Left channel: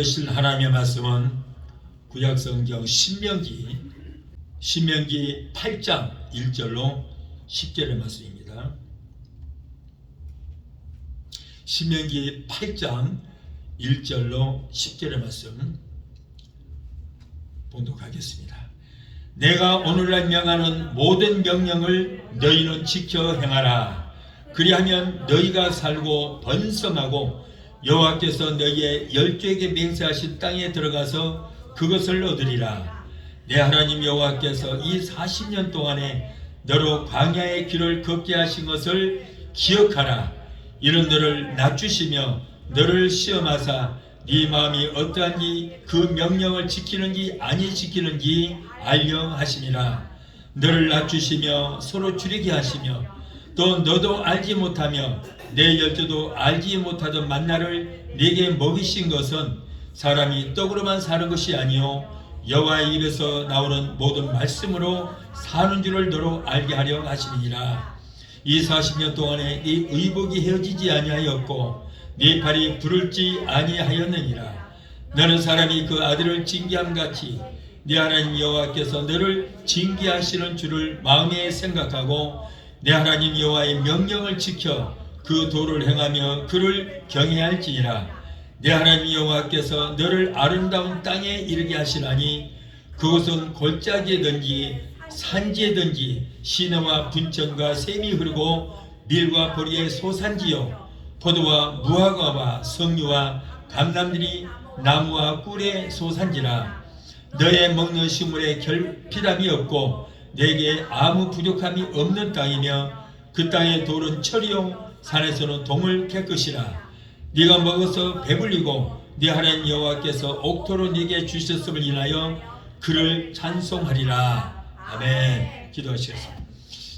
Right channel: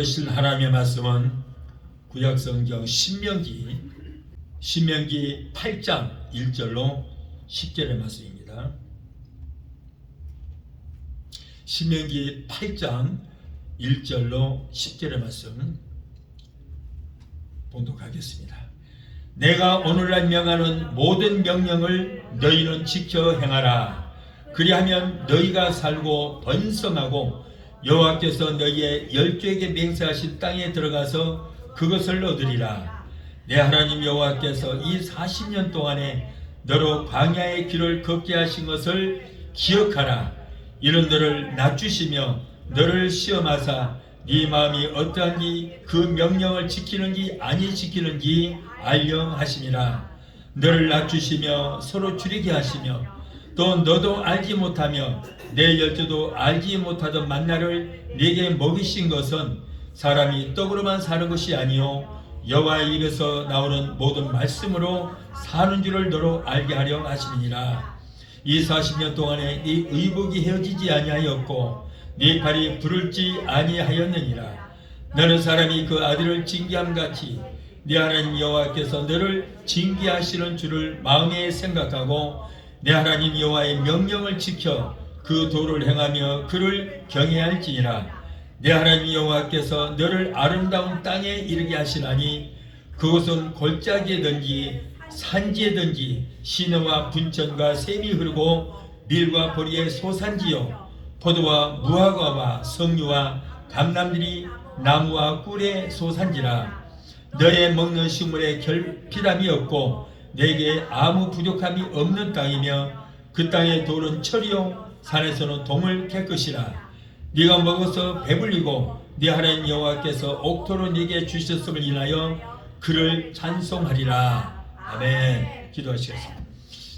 들으실 하나님의 말씀은 구약성경 신명기 8장 1절로 10절의 말씀입니다. 신명기 8장 1절로 10절의 말씀 봉독하겠습니다. 내가 오늘날 명하는 모든 명령을 너희는 지켜 행하라. 그리하면 너희가 살고 번성하고 여호와께서 너희의 열조에게 맹세하신 땅에 들어가서 그것을 얻으리라. 내 하나님 여호와께서 이 40년 동안에 너로 광야의 길을 걷게 하신 것을 기억하라. 이는 너를 낮추시며 너를 시험하사 네 마음이 어떠한지 그 명령을 지키는지 아니 지키는지 알려 하시니라. 너를 낮추시며 서로 줄이게 하시며 또 너도 알지 못하며 내 열조도 알지 못하던 만나를 네게 먹이신 것은 사람이 떡으로만 사는 것이 아니요 여호와의 입에서 나오는 모든 말씀으로 사는 줄을 너로 알게 하려 하시니라. 이 40년 동안에 네 의복이 헤어지지 아니하였고 네 발이 부를지 아니하였느니라. 너는 사람이 그 아들을 징계함같이 네 하나님 여호와께서 너를 징계하시는 줄을 마음에 생각하고 내 하나님 여호와의 명령을 지켜 그 도를 행하며 그를 경외할지니라. 내 하나님 여호와께서 너를 아름다운 땅에 이르게 하시나니 그곳은 골짜기든지 산지든지 시내와 분천과 샘이 흐르고 밀과 보리의 소산지요 포도와 무화과와 석류와 감람들이 나무와 꿀의 소산지라. 너의 먹는 식물에 결핍함이 없고 내게 아무 부족함이 없는 땅이며 그 땅의 돌은 철이요 산에서는 동을 깨끗이라. 네가 먹어서 배불리고 네 하나님 여호와께서 옥토로 네게 주셨음을 인하여 그를 찬송하리라. 아멘. 기도하시겠습니다.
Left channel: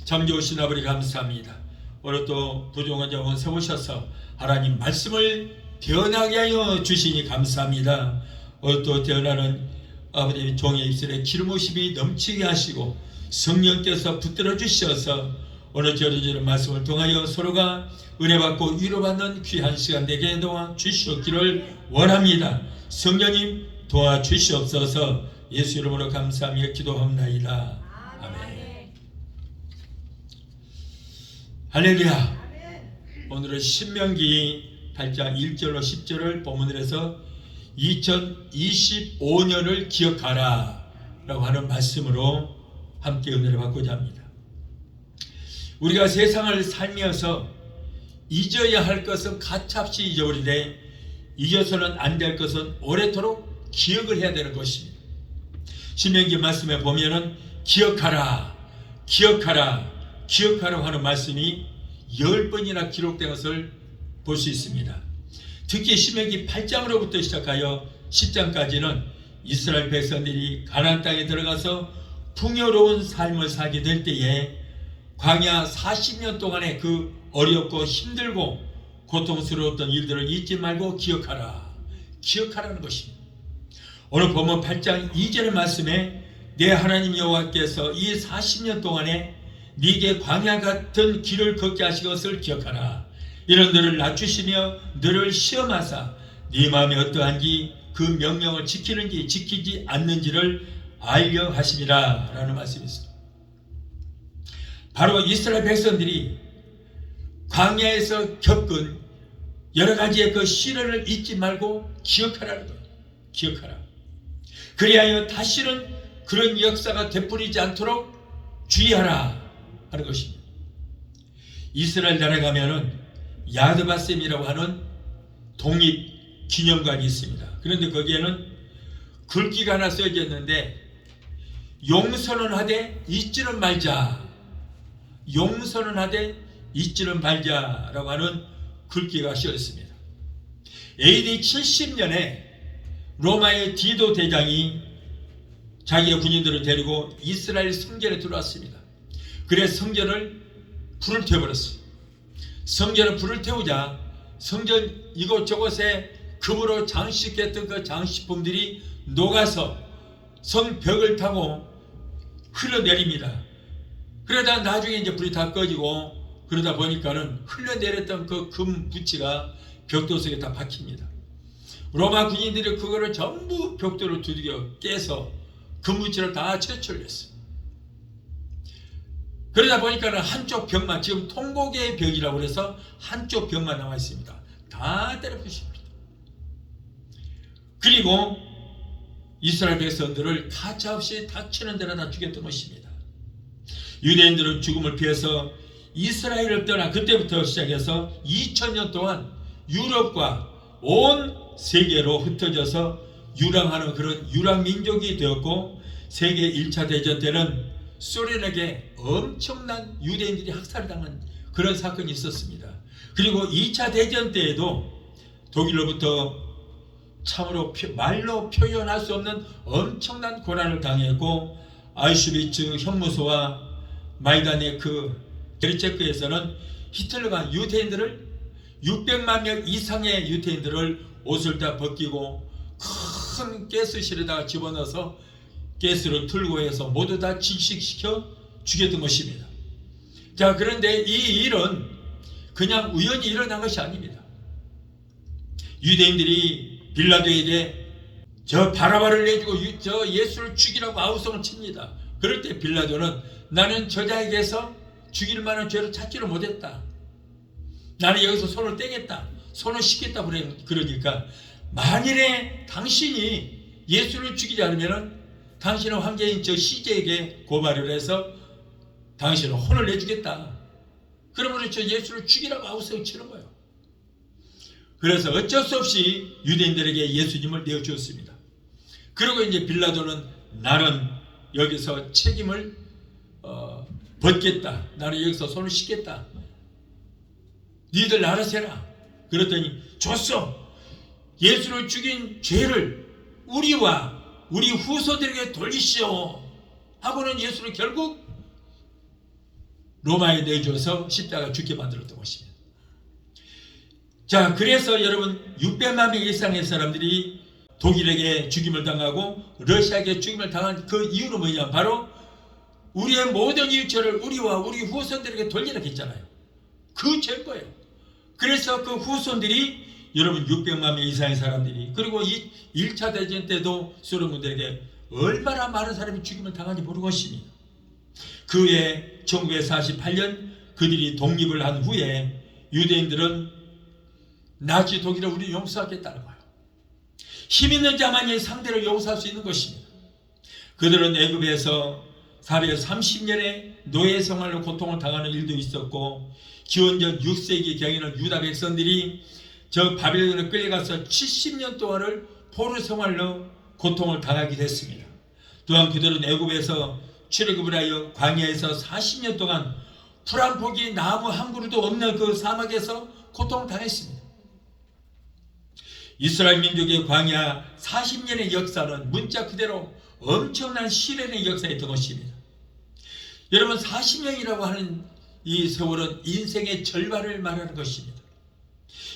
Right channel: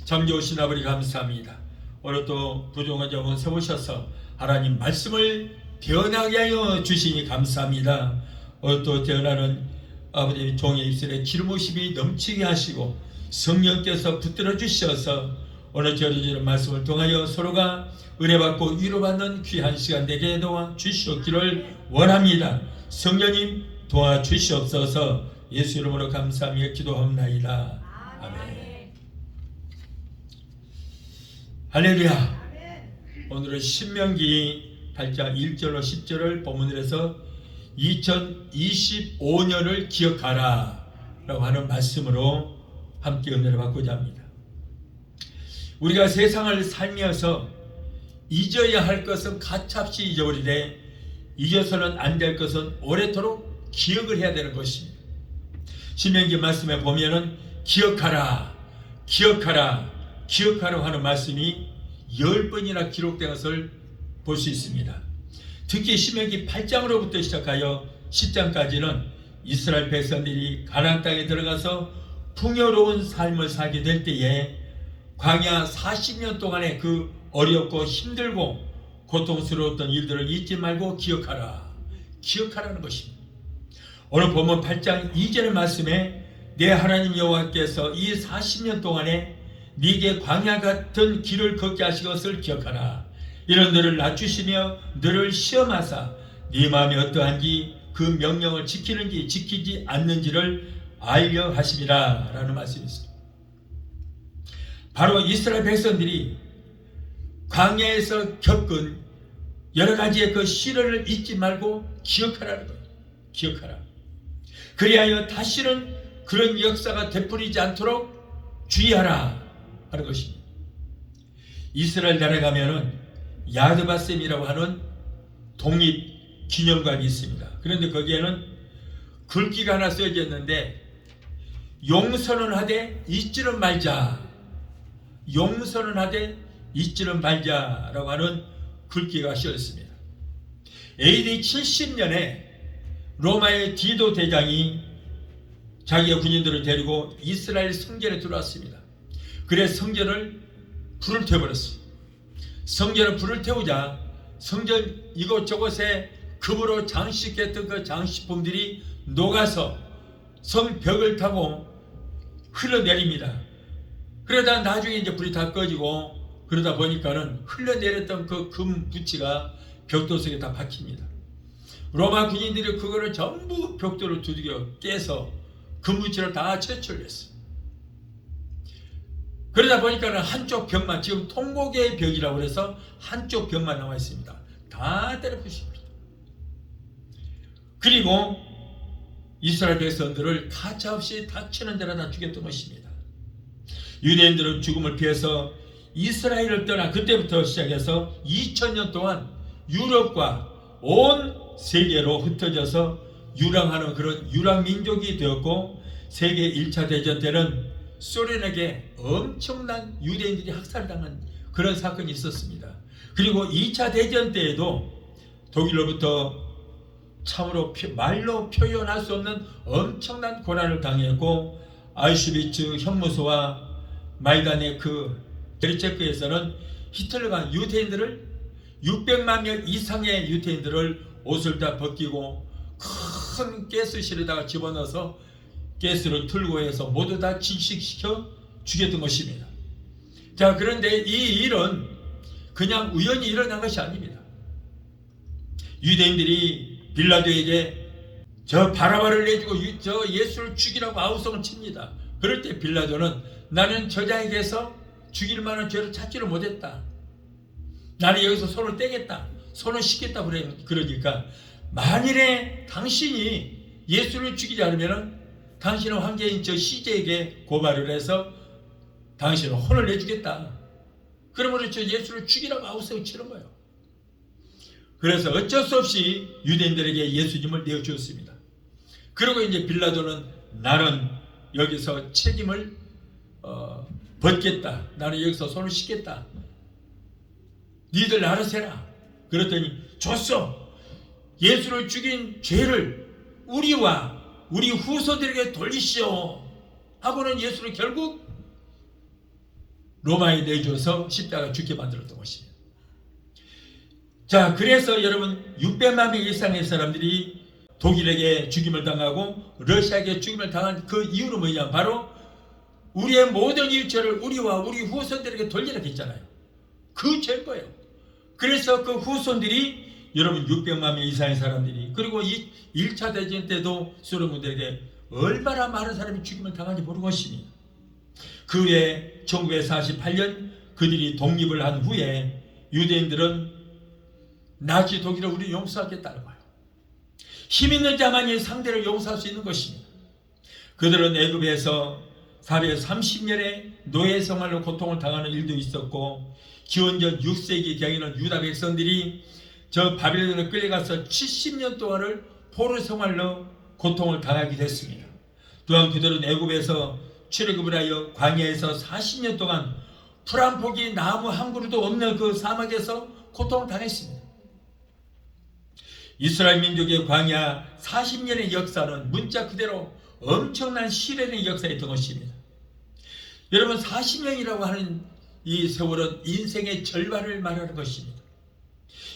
참 좋으신 아버지 감사합니다. 오늘 또 부족한 점을 세우셔서 하나님 말씀을 태어나게 하여 주시니 감사합니다. 오늘 또 태어나는 아버지 종의 입술에 기름부심이 넘치게 하시고 성령께서 붙들어 주셔서 오늘 전해주는 말씀을 통하여 서로가 은혜받고 위로받는 귀한 시간 되게 도와주시옵기를 원합니다. 성령님 도와주시옵소서. 예수 이름으로 감사하며 기도합나이다. 아멘. 할렐루야. 오늘은 신명기 8장 1절로 10절을 본문으로 해서 2025년을 기억하라 라고 하는 말씀으로 함께 은혜를 받고자 합니다. 우리가 세상을 살면서 잊어야 할 것은 가차없이 잊어버리되 잊어서는 안 될 것은 오래도록 기억을 해야 되는 것입니다. 신명기 말씀에 보면은 기억하라, 기억하라, 기억하라고 하는 말씀이 10번이나 기록된 것을 볼 수 있습니다. 특히 신명기 8장으로부터 시작하여 10장까지는 이스라엘 백성들이 가나안 땅에 들어가서 풍요로운 삶을 살게 될 때에 광야 40년 동안의 그 어렵고 힘들고 고통스러웠던 일들을 잊지 말고 기억하라. 기억하라는 것입니다. 오늘 본문 8장 2절의 말씀에 내 하나님 여호와께서 이 40년 동안에 네게 광야 같은 길을 걷게 하신 것을 기억하라. 이는 너를 낮추시며 너를 시험하사 네 마음이 어떠한지 그 명령을 지키는지 지키지 않는지를 알려 하심이라 라는 말씀이 있습니다. 바로 이스라엘 백성들이 광야에서 겪은 여러 가지의 그 시련을 잊지 말고 기억하라는 거예요. 기억하라. 그리하여 다시는 그런 역사가 되풀이지 않도록 주의하라 하는 것입니다. 이스라엘 나라에 가면은 야드바셈이라고 하는 독립기념관이 있습니다. 그런데 거기에는 글귀가 하나 써져 있는데 용서는 하되 잊지는 말자. 용서는 하되 잊지는 말자라고 하는 글귀가 쓰여 있습니다. AD 70년에 로마의 디도 대장이 자기의 군인들을 데리고 이스라엘 성전에 들어왔습니다. 그래서 성전을 불을 태워버렸어요. 성전에 불을 태우자 성전 이곳저곳에 금으로 장식했던 그 장식품들이 녹아서 성벽을 타고 흘러내립니다. 그러다 나중에 이제 불이 다 꺼지고 그러다 보니까는 흘러내렸던 그 금 부치가 벽돌 속에 다 박힙니다. 로마 군인들이 그거를 전부 벽돌을 두들겨 깨서 근무지를 다 채취했어요. 그러다 보니까 한쪽 벽만, 지금 통곡의 벽이라고 해서 한쪽 벽만 나와 있습니다. 다 때려 부십니다. 그리고 이스라엘 백성들을 가차없이 닥치는 데나 죽였던 것입니다. 유대인들은 죽음을 피해서 이스라엘을 떠나 그때부터 시작해서 2000년 동안 유럽과 온 세계로 흩어져서 유랑하는 그런 유랑민족이 되었고, 세계 1차 대전 때는 소련에게 엄청난 유대인들이 학살당한 그런 사건이 있었습니다. 그리고 2차 대전 때에도 독일로부터 참으로 말로 표현할 수 없는 엄청난 고난을 당했고, 아우슈비츠 형무소와 마이다네 게르체크에서는 히틀러가 유대인들을 600만 명 이상의 유대인들을 옷을 다 벗기고 큰 가스실에다가 집어넣어서 가스를 틀고 해서 모두 다 질식시켜 죽였던 것입니다. 자, 그런데 이 일은 그냥 우연히 일어난 것이 아닙니다. 유대인들이 빌라도에게 저 바라바를 내주고 저 예수를 죽이라고 아우성을 칩니다. 그럴 때 빌라도는 나는 저자에게서 죽일 만한 죄를 찾지를 못했다. 나는 여기서 손을 떼겠다. 손을 씻겠다. 그러니까 만일에 당신이 예수를 죽이지 않으면 당신은 황제인 저 시제에게 고발을 해서 당신은 혼을 내주겠다. 그러므로 저 예수를 죽이라고 아우성을 치는 거예요. 그래서 어쩔 수 없이 유대인들에게 예수님을 내어주었습니다. 그리고 이제 빌라도는 나는 여기서 책임을 벗겠다. 나는 여기서 손을 씻겠다. 니들 알아서 해라. 그랬더니 줬어. 예수를 죽인 죄를 우리와 우리 후손들에게 돌리시오 하고는 예수를 결국 로마에 내줘서 십자가 죽게 만들었던 것입니다. 자, 그래서 여러분 600만 명 이상의 사람들이 독일에게 죽임을 당하고 러시아에게 죽임을 당한 그 이유는 뭐냐? 바로 우리의 모든 이웃죄를 우리와 우리 후손들에게 돌리라고 했잖아요. 그 죄일 거예요. 그래서 그 후손들이 여러분 600만 명 이상의 사람들이, 그리고 이 1차 대전 때도 소련군들에게 얼마나 많은 사람이 죽임을 당한지 모르는 것입니다. 그 후에 1948년 그들이 독립을 한 후에 유대인들은 나치 독일을 우리 용서하겠다는 거예요. 힘 있는 자만이 상대를 용서할 수 있는 것입니다. 그들은 애굽에서 430년의 노예 생활로 고통을 당하는 일도 있었고, 기원전 6세기 경에는 유다 백성들이 저 바벨론에 끌려가서 70년 동안을 포로 생활로 고통을 당하기도 했습니다. 또한 그들은 애굽에서 출애굽을 하여 광야에서 40년 동안 풀 한 포기 나무 한 그루도 없는 그 사막에서 고통을 당했습니다. 이스라엘 민족의 광야 40년의 역사는 문자 그대로 엄청난 시련의 역사였던 것입니다. 여러분 40년이라고 하는 이 세월은 인생의 절반을 말하는 것입니다.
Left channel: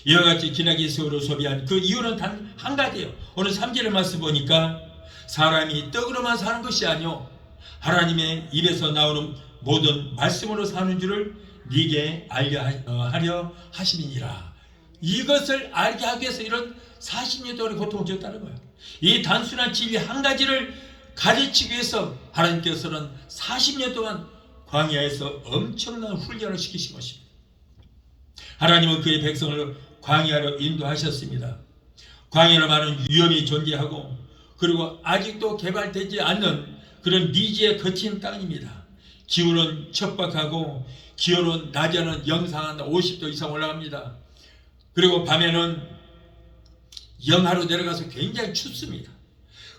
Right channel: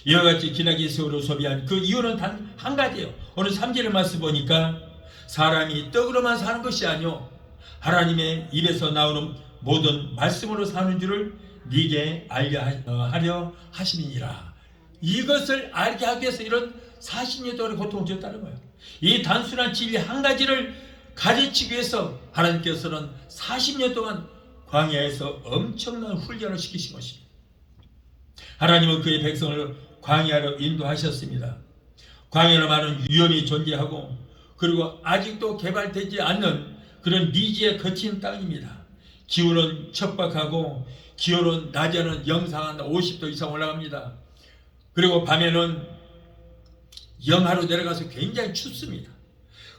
이와 같이 기나긴 세월을 소비한 그 이유는 단 한 가지예요. 오늘 3절의 말씀 보니까 사람이 떡으로만 사는 것이 아니요 하나님의 입에서 나오는 모든 말씀으로 사는 줄을 네게 알게 하려 하심이니라. 이것을 알게 하기 위해서 이런 40년 동안의 고통을 줬다는 거예요. 이 단순한 진리 한 가지를 가르치기 위해서 하나님께서는 40년 동안 광야에서 엄청난 훈련을 시키신 것입니다. 하나님은 그의 백성을 광야로 인도하셨습니다. 광야는 많은 위험이 존재하고, 그리고 아직도 개발되지 않는 그런 미지의 거친 땅입니다. 기온은 척박하고, 기온은 낮에는 영상 한 50도 이상 올라갑니다. 그리고 밤에는 영하로 내려가서 굉장히 춥습니다.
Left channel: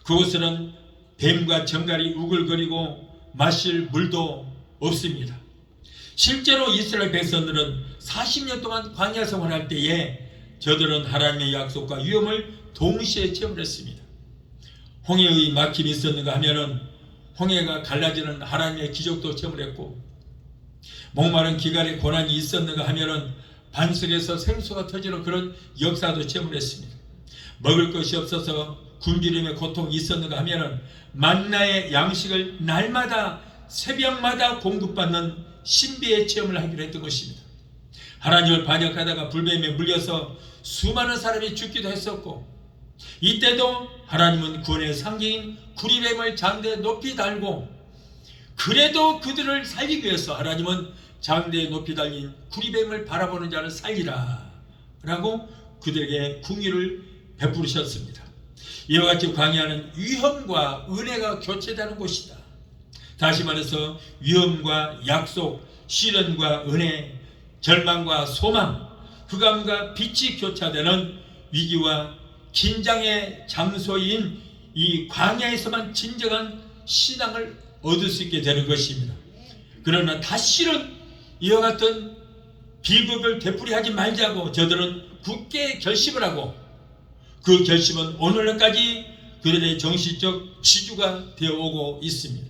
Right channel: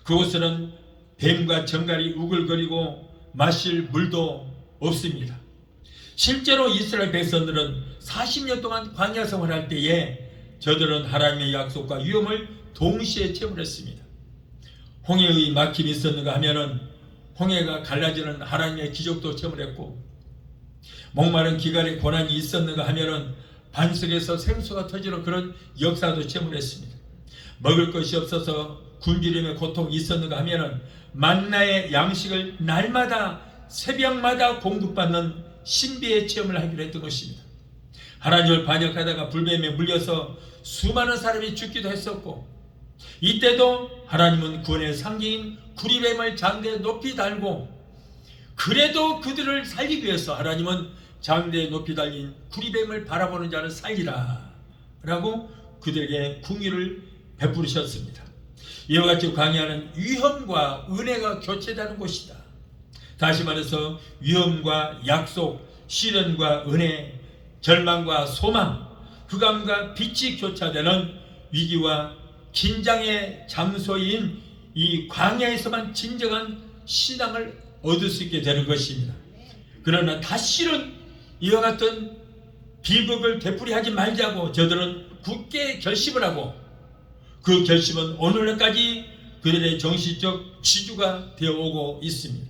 그곳에는 뱀과 정갈이 우글거리고 마실 물도 없습니다. 실제로 이스라엘 백성들은 40년 동안 광야 생활할 때에 저들은 하나님의 약속과 위험을 동시에 체험했습니다. 홍해의 막힘이 있었는가 하면은 홍해가 갈라지는 하나님의 기적도 체험했고, 목마른 기간의 고난이 있었는가 하면은 반석에서 생수가 터지는 그런 역사도 체험했습니다. 먹을 것이 없어서 굶주림의 고통이 있었는가 하면은 만나의 양식을 날마다 새벽마다 공급받는 신비의 체험을 하기로 했던 것입니다. 하나님을 반역하다가 불뱀에 물려서 수많은 사람이 죽기도 했었고, 이때도 하나님은 구원의 상징인 구리뱀을 장대에 높이 달고, 그래도 그들을 살리기 위해서 하나님은 장대에 높이 달린 구리뱀을 바라보는 자를 살리라 라고 그들에게 궁유를 베푸셨습니다. 이와 같이 광야는 위험과 은혜가 교체되는 곳이다. 다시 말해서 위험과 약속, 시련과 은혜, 절망과 소망, 흑암과 빛이 교차되는 위기와 긴장의 장소인 이 광야에서만 진정한 신앙을 얻을 수 있게 되는 것입니다. 그러나 다시는 이와 같은 비극을 되풀이하지 말자고 저들은 굳게 결심을 하고, 그 결심은 오늘날까지 그들의 정신적 지주가 되어오고 있습니다.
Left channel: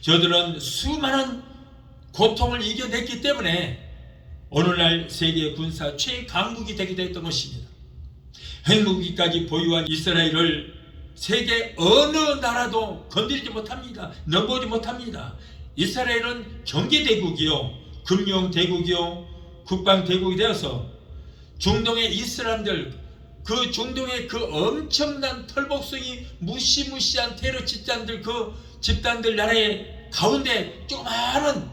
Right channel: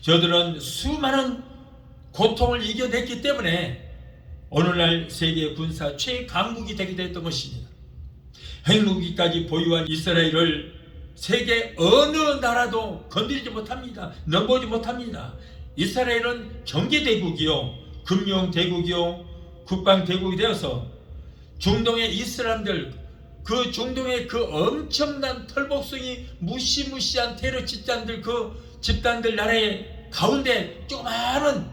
저들은 수많은 고통을 이겨냈기 때문에 오늘날 세계 군사 최강국이 되기도 했던 것입니다. 핵무기까지 보유한 이스라엘을 세계 어느 나라도 건드리지 못합니다. 넘보지 못합니다. 이스라엘은 경제대국이요, 금융대국이요, 국방대국이 되어서 중동의 이슬람들, 그 중동의 그 엄청난 털복숭이 무시무시한 테러 집단들 나라의 가운데 조그마한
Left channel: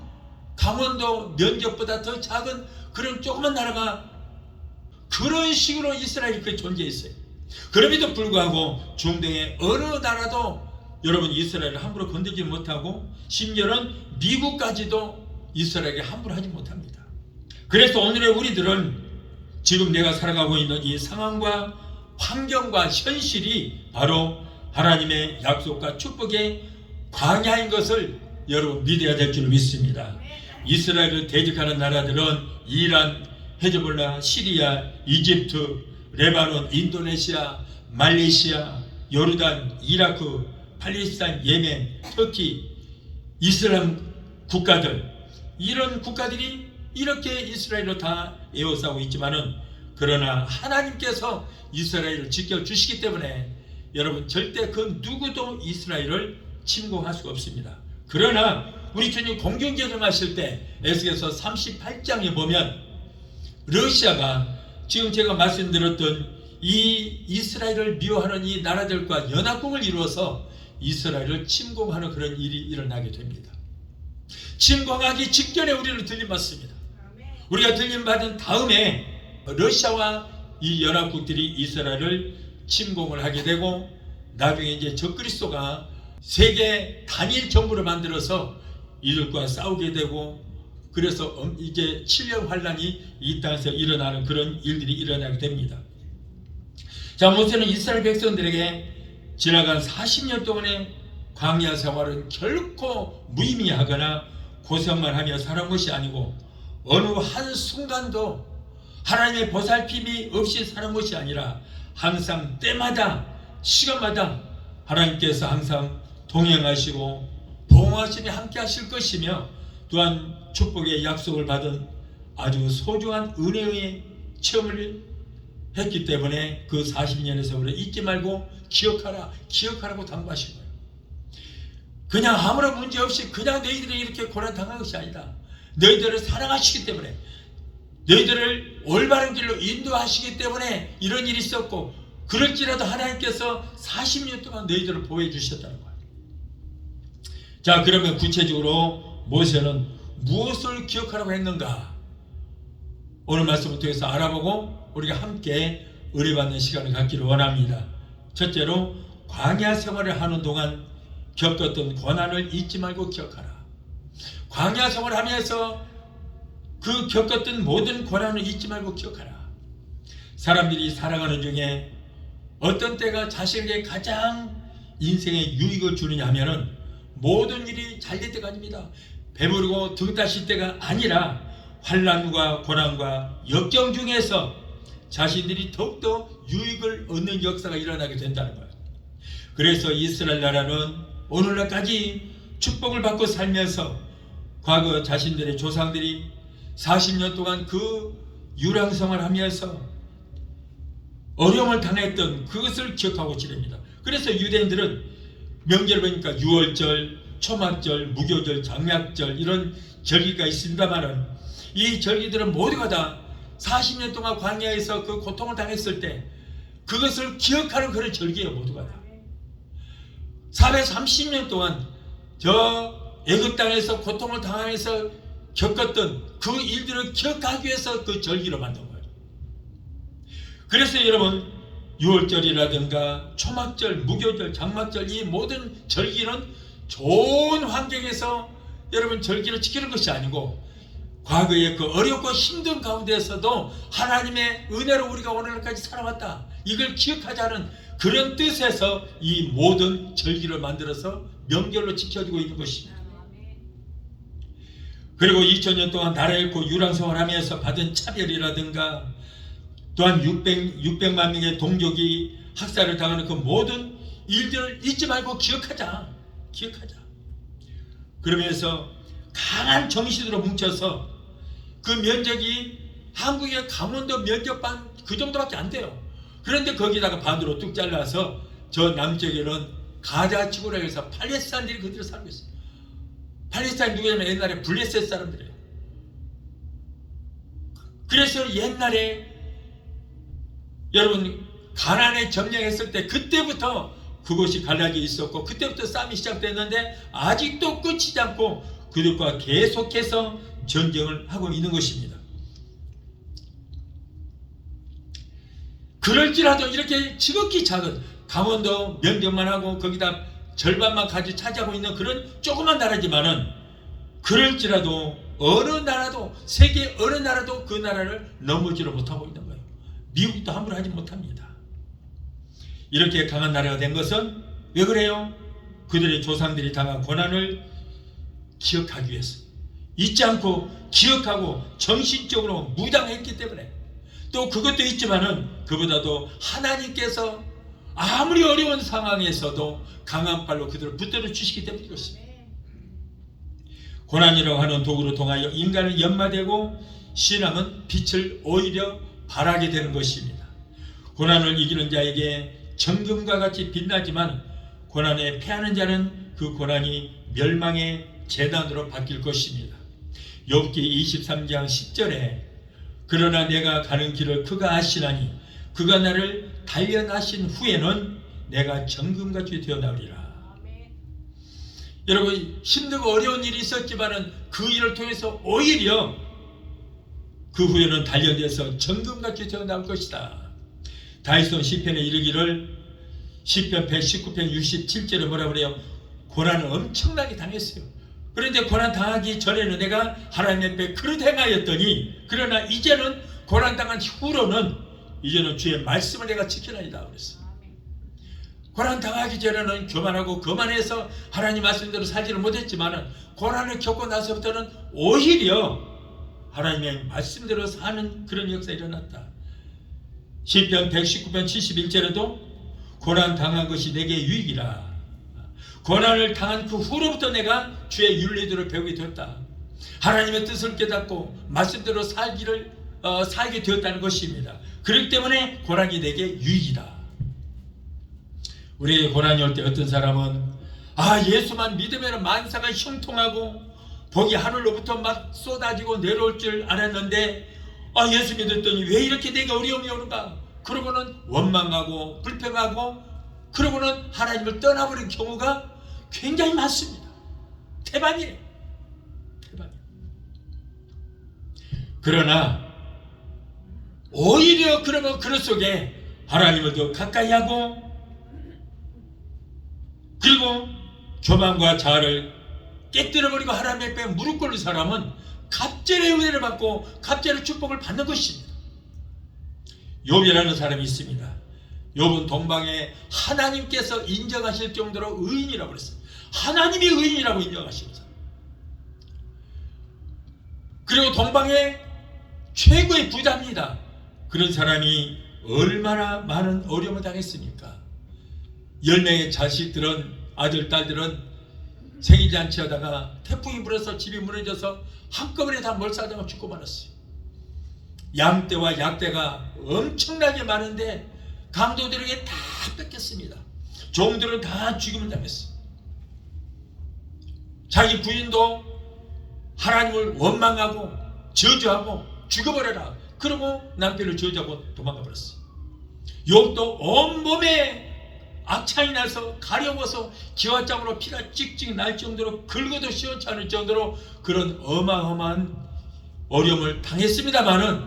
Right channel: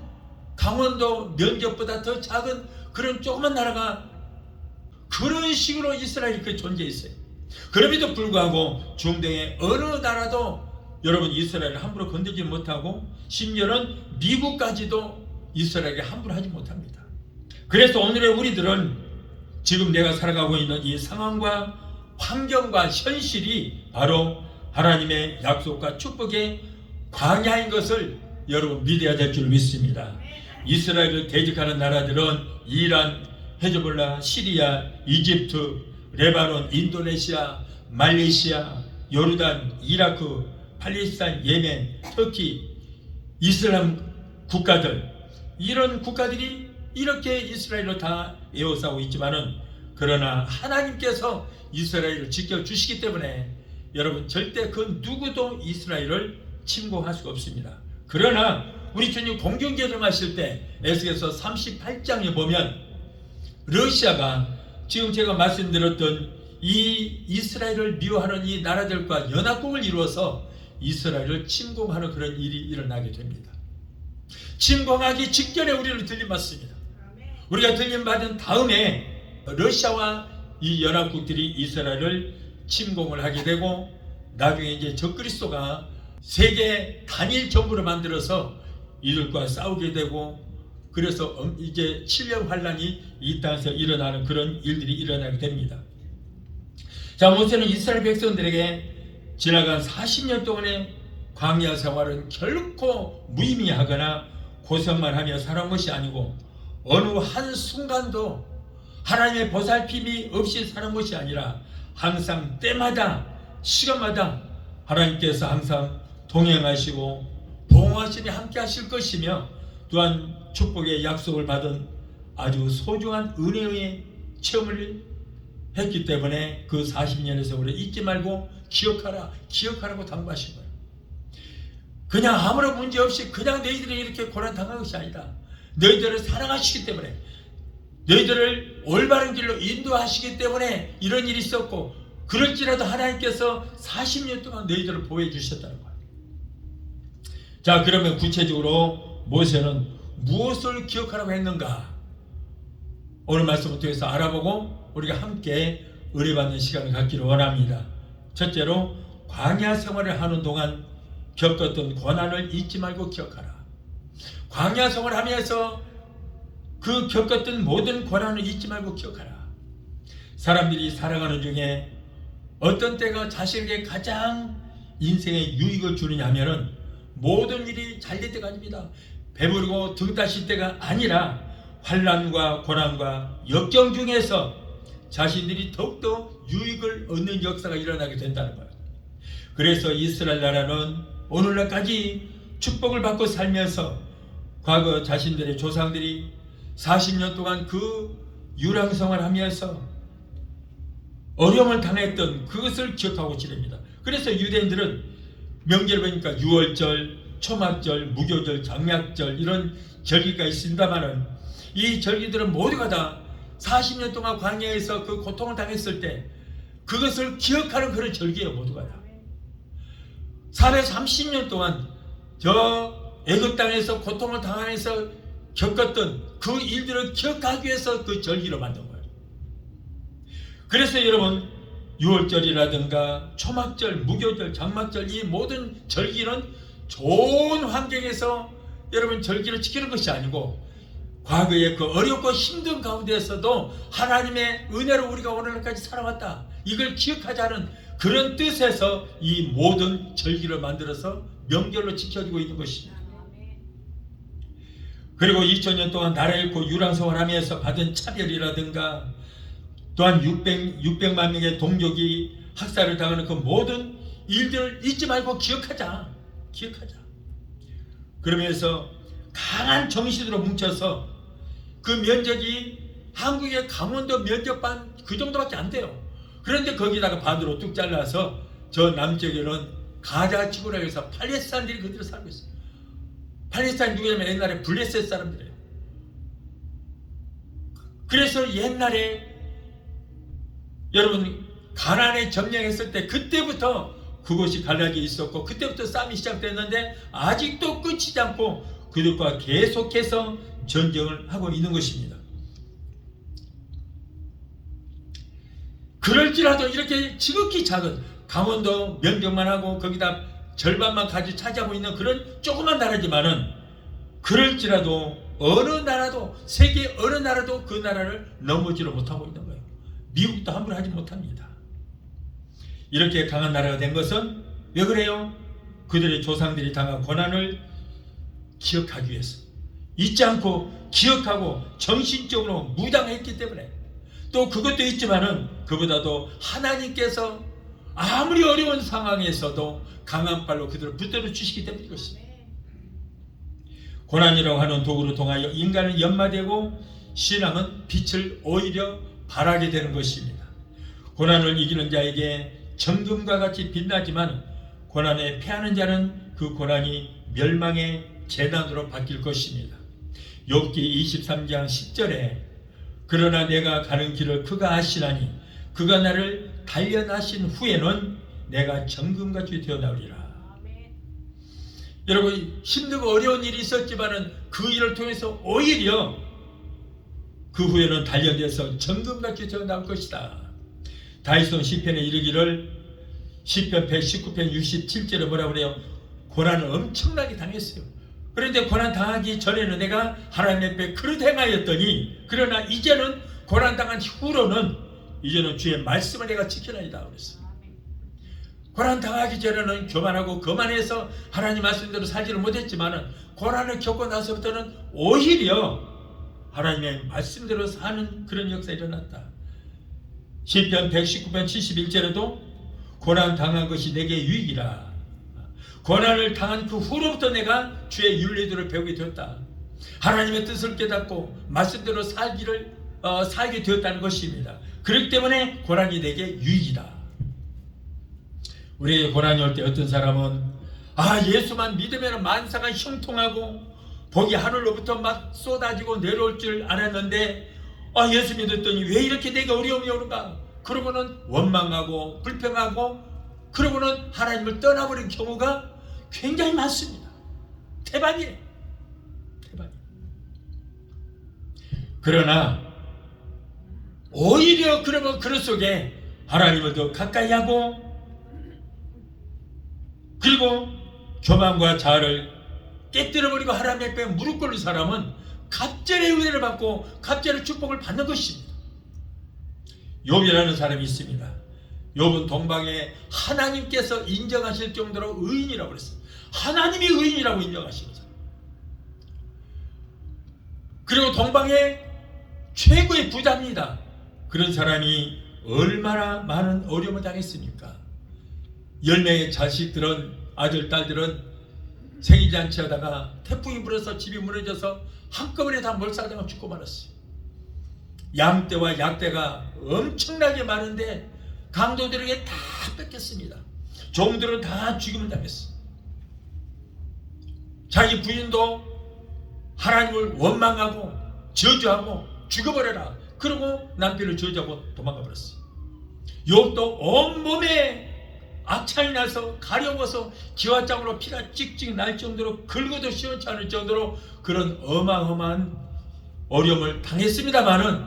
강원도 면적보다 더 작은 그런 조그만 나라가 그런 식으로 이스라엘이 그 존재했어요. 그럼에도 불구하고 중동의 어느 나라도 여러분 이스라엘을 함부로 건들지 못하고, 심지어는 미국까지도 이스라엘에게 함부로 하지 못합니다. 그래서 오늘의 우리들은 지금 내가 살아가고 있는 이 상황과 환경과 현실이 바로 하나님의 약속과 축복의 광야인 것을 여러분 믿어야 될 줄 믿습니다. 이스라엘을 대적하는 나라들은 이란, 헤즈볼라, 시리아, 이집트, 레바논, 인도네시아, 말레이시아, 요르단, 이라크, 팔레스타인, 예멘, 터키, 이슬람 국가들, 이런 국가들이 이렇게 이스라엘로 다 에워싸고 있지만은, 그러나 하나님께서 이스라엘을 지켜주시기 때문에 여러분 절대 그 누구도 이스라엘을 침공할 수가 없습니다. 그러나 우리 주님 공경개정하실 때 에스겔서 38장에 보면 러시아가 지금 제가 말씀드렸던 이 이스라엘을 미워하는 이 나라들과 연합국을 이루어서 이스라엘을 침공하는 그런 일이 일어나게 됩니다. 침공하기 직전에 우리를 들림받습니다. 우리가 들림받은 다음에 러시아와 이 연합국들이 이스라엘을 침공을 하게 되고, 나중에 이제 적그리스도가 세계 단일 정부를 만들어서 이들과 싸우게 되고, 그래서 이제 7년 환란이 이 땅에서 일어나는 그런 일들이 일어나게 됩니다. 자, 모세는 이스라엘 백성들에게 지나간 40년 동안의 광야 생활은 결코 무의미하거나 고생만 하며 살아온 것이 아니고, 어느 한순간도 하나님의 보살핌이 없이 살아온 것이 아니라 항상 때마다 시간마다 하나님께서 항상 동행하시고 보호하시며 함께 하실 것이며, 또한 축복의 약속을 받은 아주 소중한 은혜의 체험을 했기 때문에 그 40년의 세월을 잊지 말고 기억하라고 당부하신 거예요. 그냥 아무런 문제 없이 그냥 너희들이 이렇게 고난당한 것이 아니다. 너희들을 사랑하시기 때문에, 너희들을 올바른 길로 인도하시기 때문에 이런 일이 있었고, 그럴지라도 하나님께서 40년 동안 너희들을 보호해 주셨다는 거예요. 자, 그러면 구체적으로 모세는 무엇을 기억하라고 했는가? 오늘 말씀을 통해서 알아보고 우리가 함께 은혜받는 시간을 갖기를 원합니다. 첫째로, 광야 생활을 하는 동안 겪었던 고난을 잊지 말고 기억하라. 광야 생활을 하면서 그 겪었던 모든 고난을 잊지 말고 기억하라. 사람들이 살아가는 중에 어떤 때가 자신에게 가장 인생에 유익을 주느냐 하면은 모든 일이 잘 될 때가 아닙니다. 배부르고 등 따실 때가 아니라 환난과 고난과 역경 중에서 자신들이 더욱더 유익을 얻는 역사가 일어나게 된다는 거예요. 그래서 이스라엘 나라는 오늘날까지 축복을 받고 살면서 과거 자신들의 조상들이 40년 동안 그 유랑생활을 하면서 어려움을 당했던 그것을 기억하고 지냅니다. 그래서 유대인들은 명절을 보니까 유월절, 초막절, 무교절, 장막절 이런 절기가 있습니다만은, 이 절기들은 모두가 다 40년 동안 광야에서 그 고통을 당했을 때 그것을 기억하는 그런 절기예요. 모두가 다 430년 동안 저 애굽 땅에서 고통을 당하면서 겪었던 그 일들을 기억하기 위해서 그 절기를 만든 거예요. 그래서 여러분, 6월절이라든가 초막절, 무교절, 장막절, 이 모든 절기는 좋은 환경에서 여러분 절기를 지키는 것이 아니고, 과거의 그 어렵고 힘든 가운데에서도 하나님의 은혜로 우리가 오늘까지 살아왔다, 이걸 기억하자는 그런 뜻에서 이 모든 절기를 만들어서 명절로 지켜지고 있는 것입니다. 그리고 2000년 동안 나라 잃고 유랑생활하면서 받은 차별이라든가, 또한 600만 명의 동족이 학살을 당하는 그 모든 일들을 잊지 말고 기억하자. 그러면서 강한 정신으로 뭉쳐서 그 면적이 한국의 강원도 면적반 그 정도밖에 안 돼요. 그런데 거기다가 반으로 뚝 잘라서 저 남쪽에는 가자 지구라고 해서 팔레스타인들이 그대로 살고 있어요. 팔레스타인 누구냐면 옛날에 블레셋 사람들이에요. 그래서 옛날에 여러분 가나안에 점령했을 때 그때부터 그곳이 갈라져 있었고, 그때부터 싸움이 시작됐는데 아직도 끝이지 않고 그들과 계속해서 전쟁을 하고 있는 것입니다. 그럴지라도 이렇게 지극히 작은 강원도 면적만 하고 거기다 절반만 가지 차지하고 있는 그런 조그만 나라지만은, 그럴지라도 어느 나라도, 세계 어느 나라도 그 나라를 넘어지를 못하고 있는 거예요. 미국도 함부로 하지 못합니다. 이렇게 강한 나라가 된 것은 왜 그래요? 그들의 조상들이 당한 고난을 기억하기 위해서, 잊지 않고 기억하고 정신적으로 무장했기 때문에, 또 그것도 있지만은 그보다도 하나님께서 아무리 어려운 상황에서도 강한 발로 그들을 붙들어 주시기 때문인 것입니다. 고난이라고 하는 도구를 통하여 인간은 연마되고 신앙은 빛을 오히려 발하게 되는 것입니다. 고난을 이기는 자에게 정금과 같이 빛나지만, 고난에 패하는 자는 그 고난이 멸망의 재난으로 바뀔 것입니다. 욥기 23장 10절에 그러나 내가 가는 길을 그가 아시나니 그가 나를 단련하신 후에는 내가 정금같이 되어나오리라. 여러분, 힘들고 어려운 일이 있었지만은 그 일을 통해서 오히려 그 후에는 단련돼서 정금같이 되어나올 것이다. 다윗은 시편에 이르기를, 시편 119편 67절에 뭐라 그래요? 고난을 엄청나게 당했어요. 그런데 고난 당하기 전에는 내가 하나님 앞에 그릇 행하였더니, 그러나 이제는 고난 당한 후로는 이제는 주의 말씀을 내가 지키나이다 그랬어요. 고난 당하기 전에는 교만하고 거만해서 하나님 말씀대로 살지를 못했지만은, 고난을 겪고 나서부터는 오히려 하나님의 말씀대로 사는 그런 역사가 일어났다. 시편 119편 71절에도 고난 당한 것이 내게 유익이라. 고난을 당한 그 후로부터 내가 주의 윤리들을 배우게 되었다. 하나님의 뜻을 깨닫고 말씀대로 살게 되었다는 것입니다. 그렇기 때문에 고난이 내게 유익이다. 우리에게 고난이 올 때 어떤 사람은 예수만 믿으면 만사가 형통하고 복이 하늘로부터 막 쏟아지고 내려올 줄 알았는데 예수 믿었더니 왜 이렇게 내게 어려움이 오는가? 그러고는 원망하고 불평하고 그러고는 하나님을 떠나버린 경우가 굉장히 많습니다. 대박이에요. 그러나 오히려 그러면 그 속에 하나님을 더 가까이 하고, 그리고 교만과 자아를 깨뜨려버리고 하나님 앞에 무릎 꿇는 사람은 갑절의 은혜를 받고 갑절의 축복을 받는 것입니다. 욥이라는 사람이 있습니다. 욥은 동방에 하나님께서 인정하실 정도로 의인이라고 그랬어요. 하나님이 의인이라고 인정하시는 사람. 그리고 동방의 최고의 부자입니다. 그런 사람이 얼마나 많은 어려움을 당했습니까? 10명의 자식들은, 아들, 딸들은 생일잔치 하다가 태풍이 불어서 집이 무너져서 한꺼번에 다 몰살당하고 죽고 말았어요. 양떼와 약떼가 엄청나게 많은데 강도들에게 다 뺏겼습니다. 종들은 다 죽임을 당했어요. 자기 부인도 하나님을 원망하고 저주하고 죽어버려라, 그러고 남편을 저주하고 도망가 버렸어요. 욥도 온몸에 악창이 나서 가려워서 기와장으로 피가 찍찍 날 정도로 긁어도 시원치 않을 정도로 그런 어마어마한 어려움을 당했습니다마는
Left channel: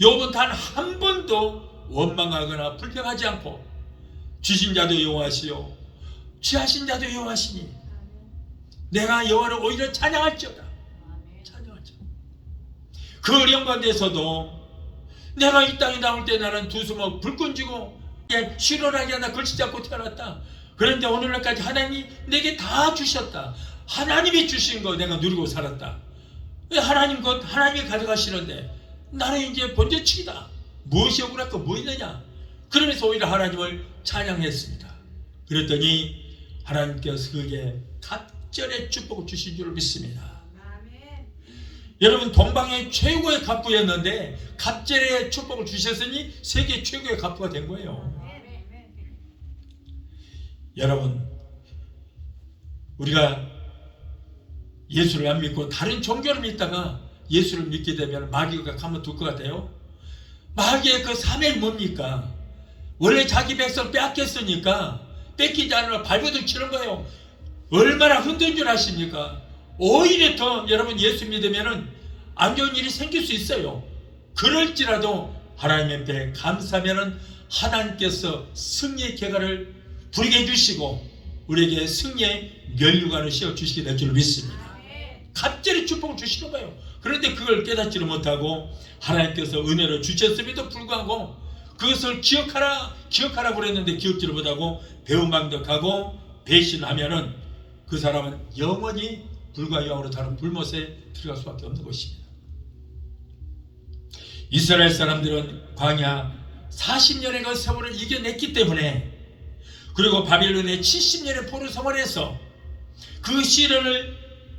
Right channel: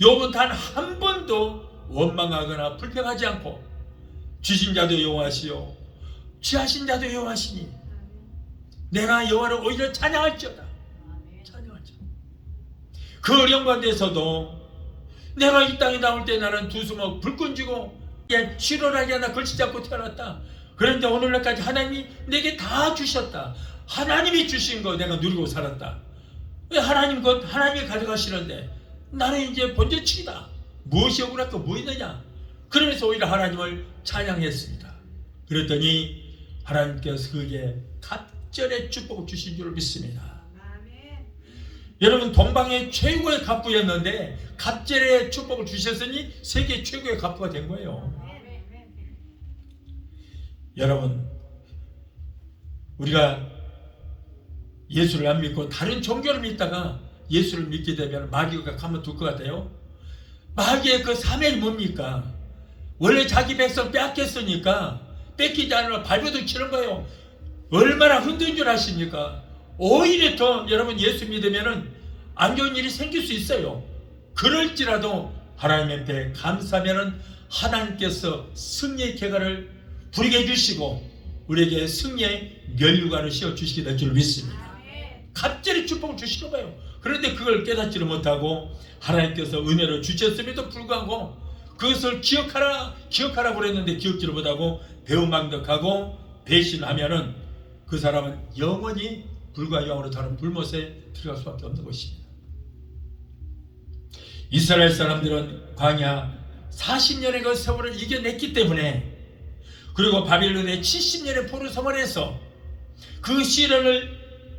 욥은 단 한 번도 원망하거나 불평하지 않고 주신 자도 여호와시요 취하신 자도 여호와시니 내가 여호와를 오히려 찬양할지어다. 찬양할지어다. 그 어려운 가운데서도 내가 이 땅에 나올 때 나는 두 수목 불끈 쥐고 실현하게 하나 글씨 잡고 태어났다. 그런데 오늘날까지 하나님이 내게 다 주셨다. 하나님이 주신 거 내가 누리고 살았다. 왜 하나님 것 하나님이 가져가시는데 나는 이제 번제치기다. 무엇이 억울할까 뭐 있느냐. 그러면서 오히려 하나님을 찬양했습니다. 그랬더니 하나님께서 그에게 갑절의 축복을 주신 줄 믿습니다. 여러분 동방의 최고의 갑부였는데 갑절의 축복을 주셨으니 세계 최고의 갑부가 된 거예요. 여러분 우리가 예수를 안 믿고 다른 종교를 믿다가 예수를 믿게 되면 마귀가 가만둘 것 같아요? 마귀의 그 사명이 뭡니까? 원래 자기 백성 빼앗겼으니까 뺏기지 않으면 발버둥 치는 거예요. 얼마나 흔든 줄 아십니까? 오히려 더 여러분 예수 믿으면 안 좋은 일이 생길 수 있어요. 그럴지라도 하나님 앞에 감사하면 하나님께서 승리의 계가를 부리게 해주시고 우리에게 승리의 면류관을 씌워주시게 될 줄 믿습니다. 갑절의 축복을 주시는 거예요. 그런데 그걸 깨닫지를 못하고 하나님께서 은혜를 주셨음에도 불구하고 그것을 기억하라 그랬는데 기억지를 못하고 배은망덕하고 배신하면은 그 사람은 영원히 불과 영으로 다른 불못에 들어갈 수밖에 없는 것입니다. 이스라엘 사람들은 광야 40년의 그 세월을 이겨냈기 때문에 그리고 바빌론의 70년의 포로 생활에서 그 시련을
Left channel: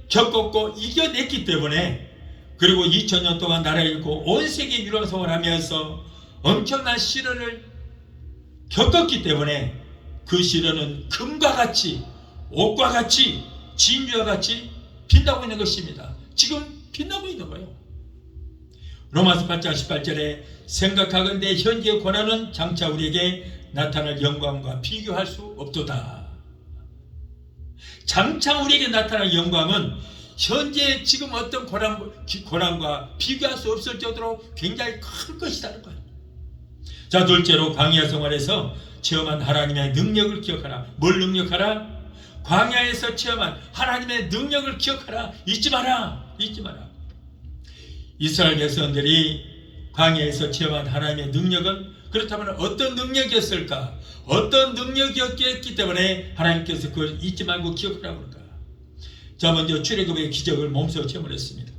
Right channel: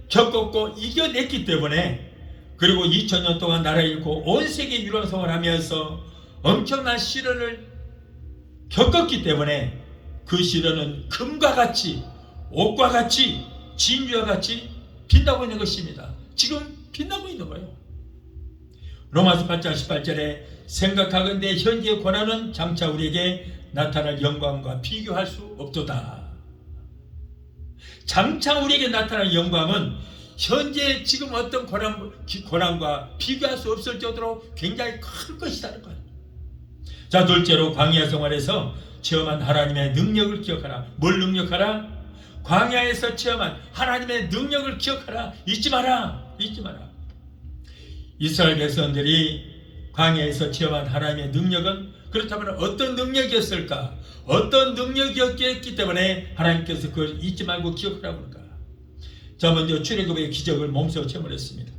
겪었고 이겨냈기 때문에 그리고 2000년 동안 나라 잃고 온 세계 유랑 생활하면서 엄청난 시련을 겪었기 때문에 그 시련은 금과 같이 옷과 같이 진주와 같이 빛나고 있는 것입니다. 지금 빛나고 있는 거예요. 로마서 8장 18절에 생각하건대 현재의 고난은 장차 우리에게 나타날 영광과 비교할 수 없도다. 장차 우리에게 나타날 영광은 현재 지금 어떤 고난과 비교할 수 없을 정도로 굉장히 클 것이라는 거예요. 자, 둘째로 광야 생활에서 체험한 하나님의 능력을 기억하라. 뭘 능력하라? 광야에서 체험한 하나님의 능력을 기억하라. 잊지 마라. 잊지 마라. 이스라엘 백성들이 광야에서 체험한 하나님의 능력은 그렇다면 어떤 능력이었을까? 어떤 능력이었기 때문에 하나님께서 그걸 잊지 말고 기억하라고 그럴까? 자, 먼저 출애굽의 기적을 몸소 체험을 했습니다.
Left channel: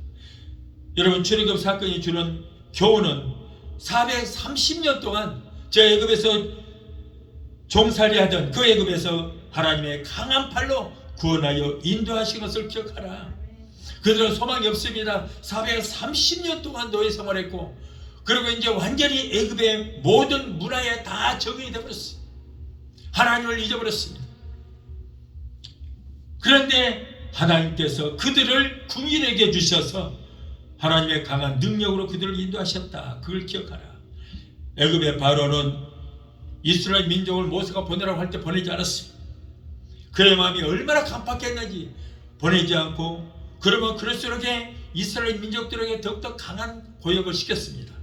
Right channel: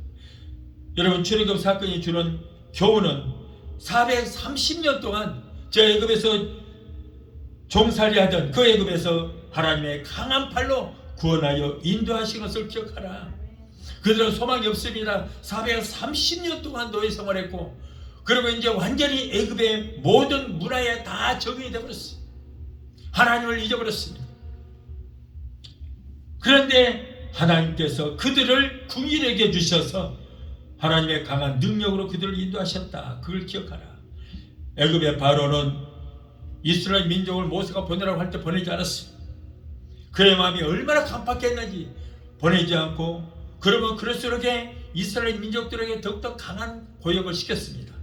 여러분 출애굽 사건이 주는 교훈은 430년 동안 저 애굽에서 종살이하던 그 애굽에서 하나님의 강한 팔로 구원하여 인도하신 것을 기억하라. 그들은 소망이 없습니다. 430년 동안 노예 생활했고 그리고 이제 완전히 애굽의 모든 문화에 다 적응이 되어버렸어요. 하나님을 잊어버렸습니다. 그런데 하나님께서 그들을 궁일에게 주셔서 하나님의 강한 능력으로 그들을 인도하셨다. 그걸 기억하라. 애굽의 바로는 이스라엘 민족을 모세가 보내라고 할 때 보내지 않았습니다. 그의 마음이 얼마나 간팍했는지 보내지 않고 그러면 그럴수록 이스라엘 민족들에게 더욱더 강한 고역을 시켰습니다.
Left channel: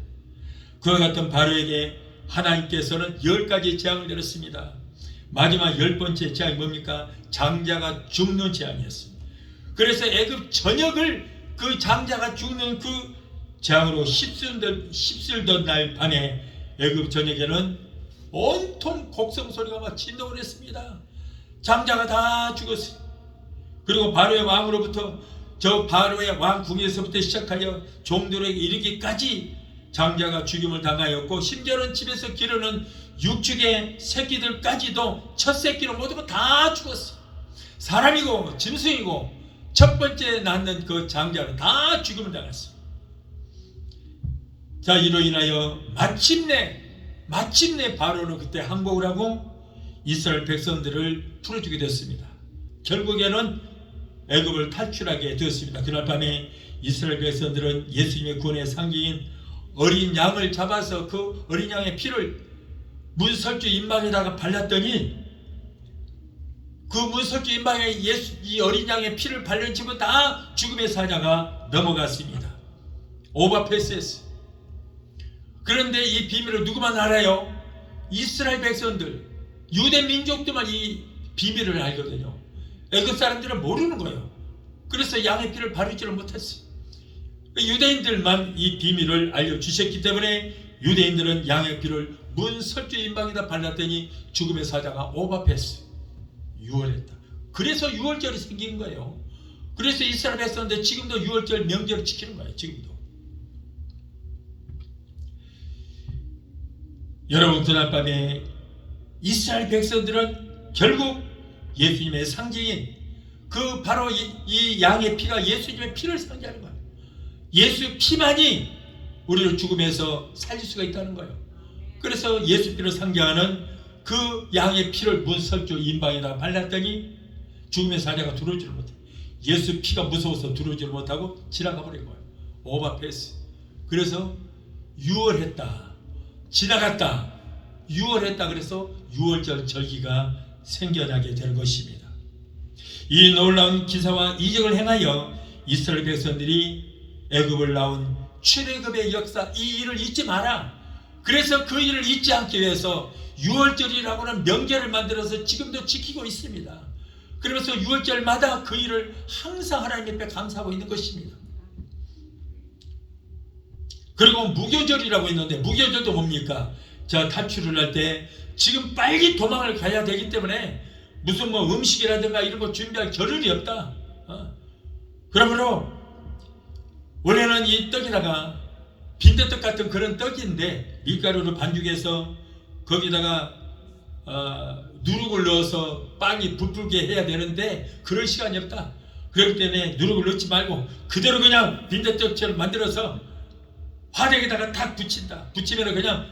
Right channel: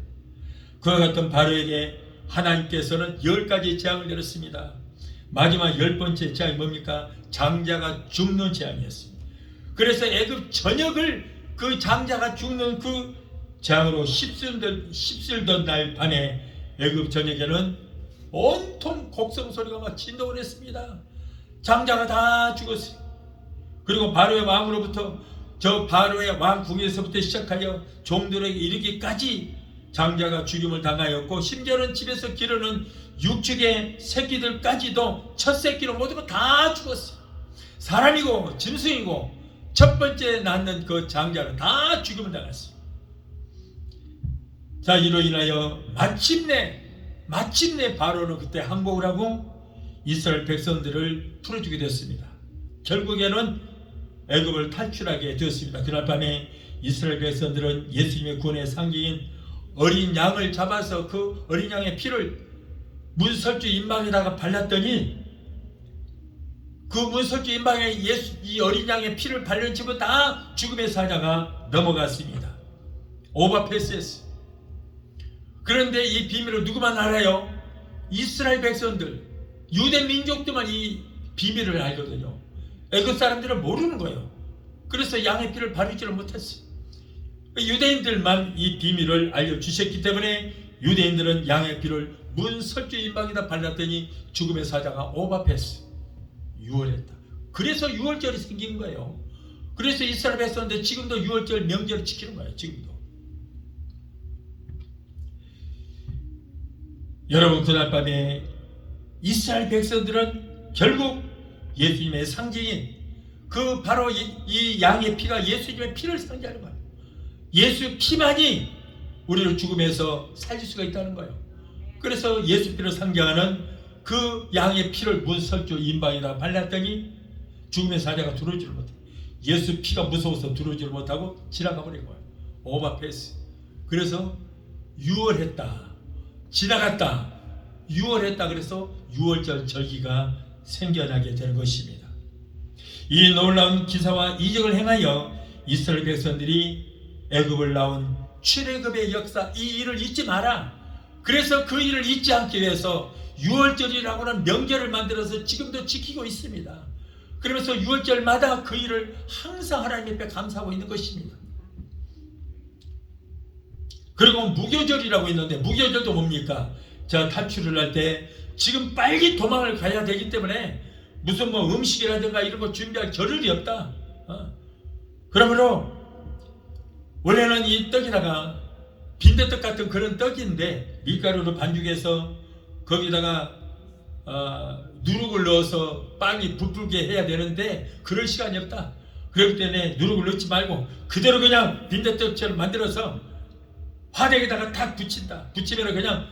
그와 같은 바로에게 하나님께서는 10가지 재앙을 내렸습니다. 마지막 10번째 재앙이 뭡니까? 장자가 죽는 재앙이었습니다. 그래서 애굽 전역을 그 장자가 죽는 그 재앙으로 휩쓸던 날 밤에 애굽 전역에는 온통 곡성 소리가 막 진동을 했습니다. 장자가 다 죽었어요. 그리고 바로의 왕으로부터 저 바로의 왕궁에서부터 시작하여 종들에게 이르기까지 장자가 죽임을 당하였고 심지어는 집에서 기르는 육축의 새끼들까지도 첫 새끼로 모두 다 죽었어요. 사람이고 짐승이고 첫 번째 낳는 그 장자는 다 죽임을 당했어요. 자, 이로 인하여 마침내 바로는 그때 항복을 하고 이스라엘 백성들을 풀어주게 됐습니다. 결국에는 애굽을 탈출하게 되었습니다. 그날 밤에 이스라엘 백성들은 예수님의 구원의 상징인 어린 양을 잡아서 그 어린 양의 피를 문설주 임방에다가 발랐더니 그 문설주 임방에 이 어린 양의 피를 발른 집은 다 죽음의 사자가 넘어갔습니다. 오버패스했어요. 그런데 이 비밀을 누구만 알아요? 이스라엘 백성들, 유대 민족들만 이 비밀을 알거든요. 애굽 사람들은 모르는 거예요. 그래서 양의 피를 바르지를 못했어요. 유대인들만 이 비밀을 알려주셨기 때문에 유대인들은 양의 피를 문설주 임방에다 발랐더니 죽음의 사자가 오버패스, 유월했다. 그래서 유월절이 생긴 거예요. 그래서 이스라엘 백성들 지금도 유월절 명절을 지키는 거예요. 지금도. 여러분, 그날 밤에 이스라엘 백성들은 결국 예수님의 상징인 그 바로 이 양의 피가 예수님의 피를 상징하는 거예요. 예수 피만이 우리를 죽음에서 살릴 수가 있다는 거예요. 그래서 예수 피를 상징하는 그 양의 피를 문설주 임방에다 발랐더니 죽음의 사자가 들어오지를 못해. 예수 피가 무서워서 들어오지를 못하고 지나가 버린 거예요. 오버패스. 그래서 유월했다, 지나갔다, 유월했다. 그래서 유월절 절기가 생겨나게 되는 것입니다. 이 놀라운 기사와 이적을 행하여 이스라엘 백성들이 애굽을 나온 출애굽의 역사, 이 일을 잊지 마라. 그래서 그 일을 잊지 않기 위해서 유월절이라고 하는 명절을 만들어서 지금도 지키고 있습니다. 그러면서 유월절마다 그 일을 항상 하나님 앞에 감사하고 있는 것입니다. 그리고 무교절이라고 있는데, 무교절도 뭡니까? 제가 탈출을 할 때 지금 빨리 도망을 가야 되기 때문에 무슨 뭐 음식이라든가 이런 거 준비할 겨를이 없다. 그러므로 원래는 이 떡에다가 빈대떡 같은 그런 떡인데 밀가루로 반죽해서 거기다가 누룩을 넣어서 빵이 부풀게 해야 되는데 그럴 시간이 없다. 그렇기 때문에 누룩을 넣지 말고 그대로 그냥 빈대떡처럼 만들어서 화덕에다가 탁 붙인다. 붙이면 그냥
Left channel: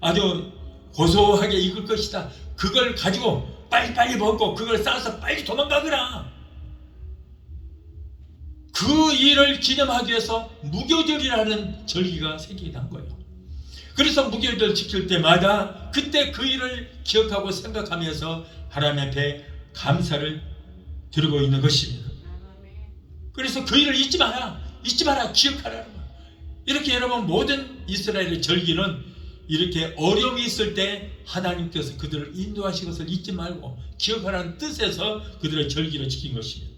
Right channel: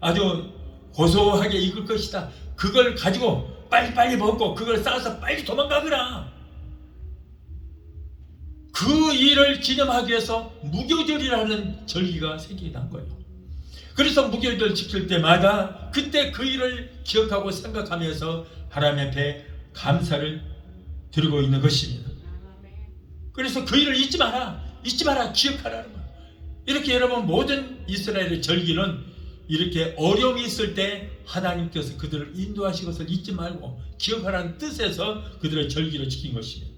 아주 고소하게 익을 것이다. 그걸 가지고 빨리빨리 먹고 그걸 싸서 빨리 도망가거라. 그 일을 기념하기 위해서 무교절이라는 절기가 생기게 된 거예요. 그래서 무교절 지킬 때마다 그때 그 일을 기억하고 생각하면서 하나님 앞에 감사를 드리고 있는 것입니다. 그래서 그 일을 잊지 마라, 잊지 마라, 기억하라는 거예요. 이렇게 여러분, 모든 이스라엘의 절기는 이렇게 어려움이 있을 때 하나님께서 그들을 인도하신 것을 잊지 말고 기억하라는 뜻에서 그들의 절기를 지킨 것입니다.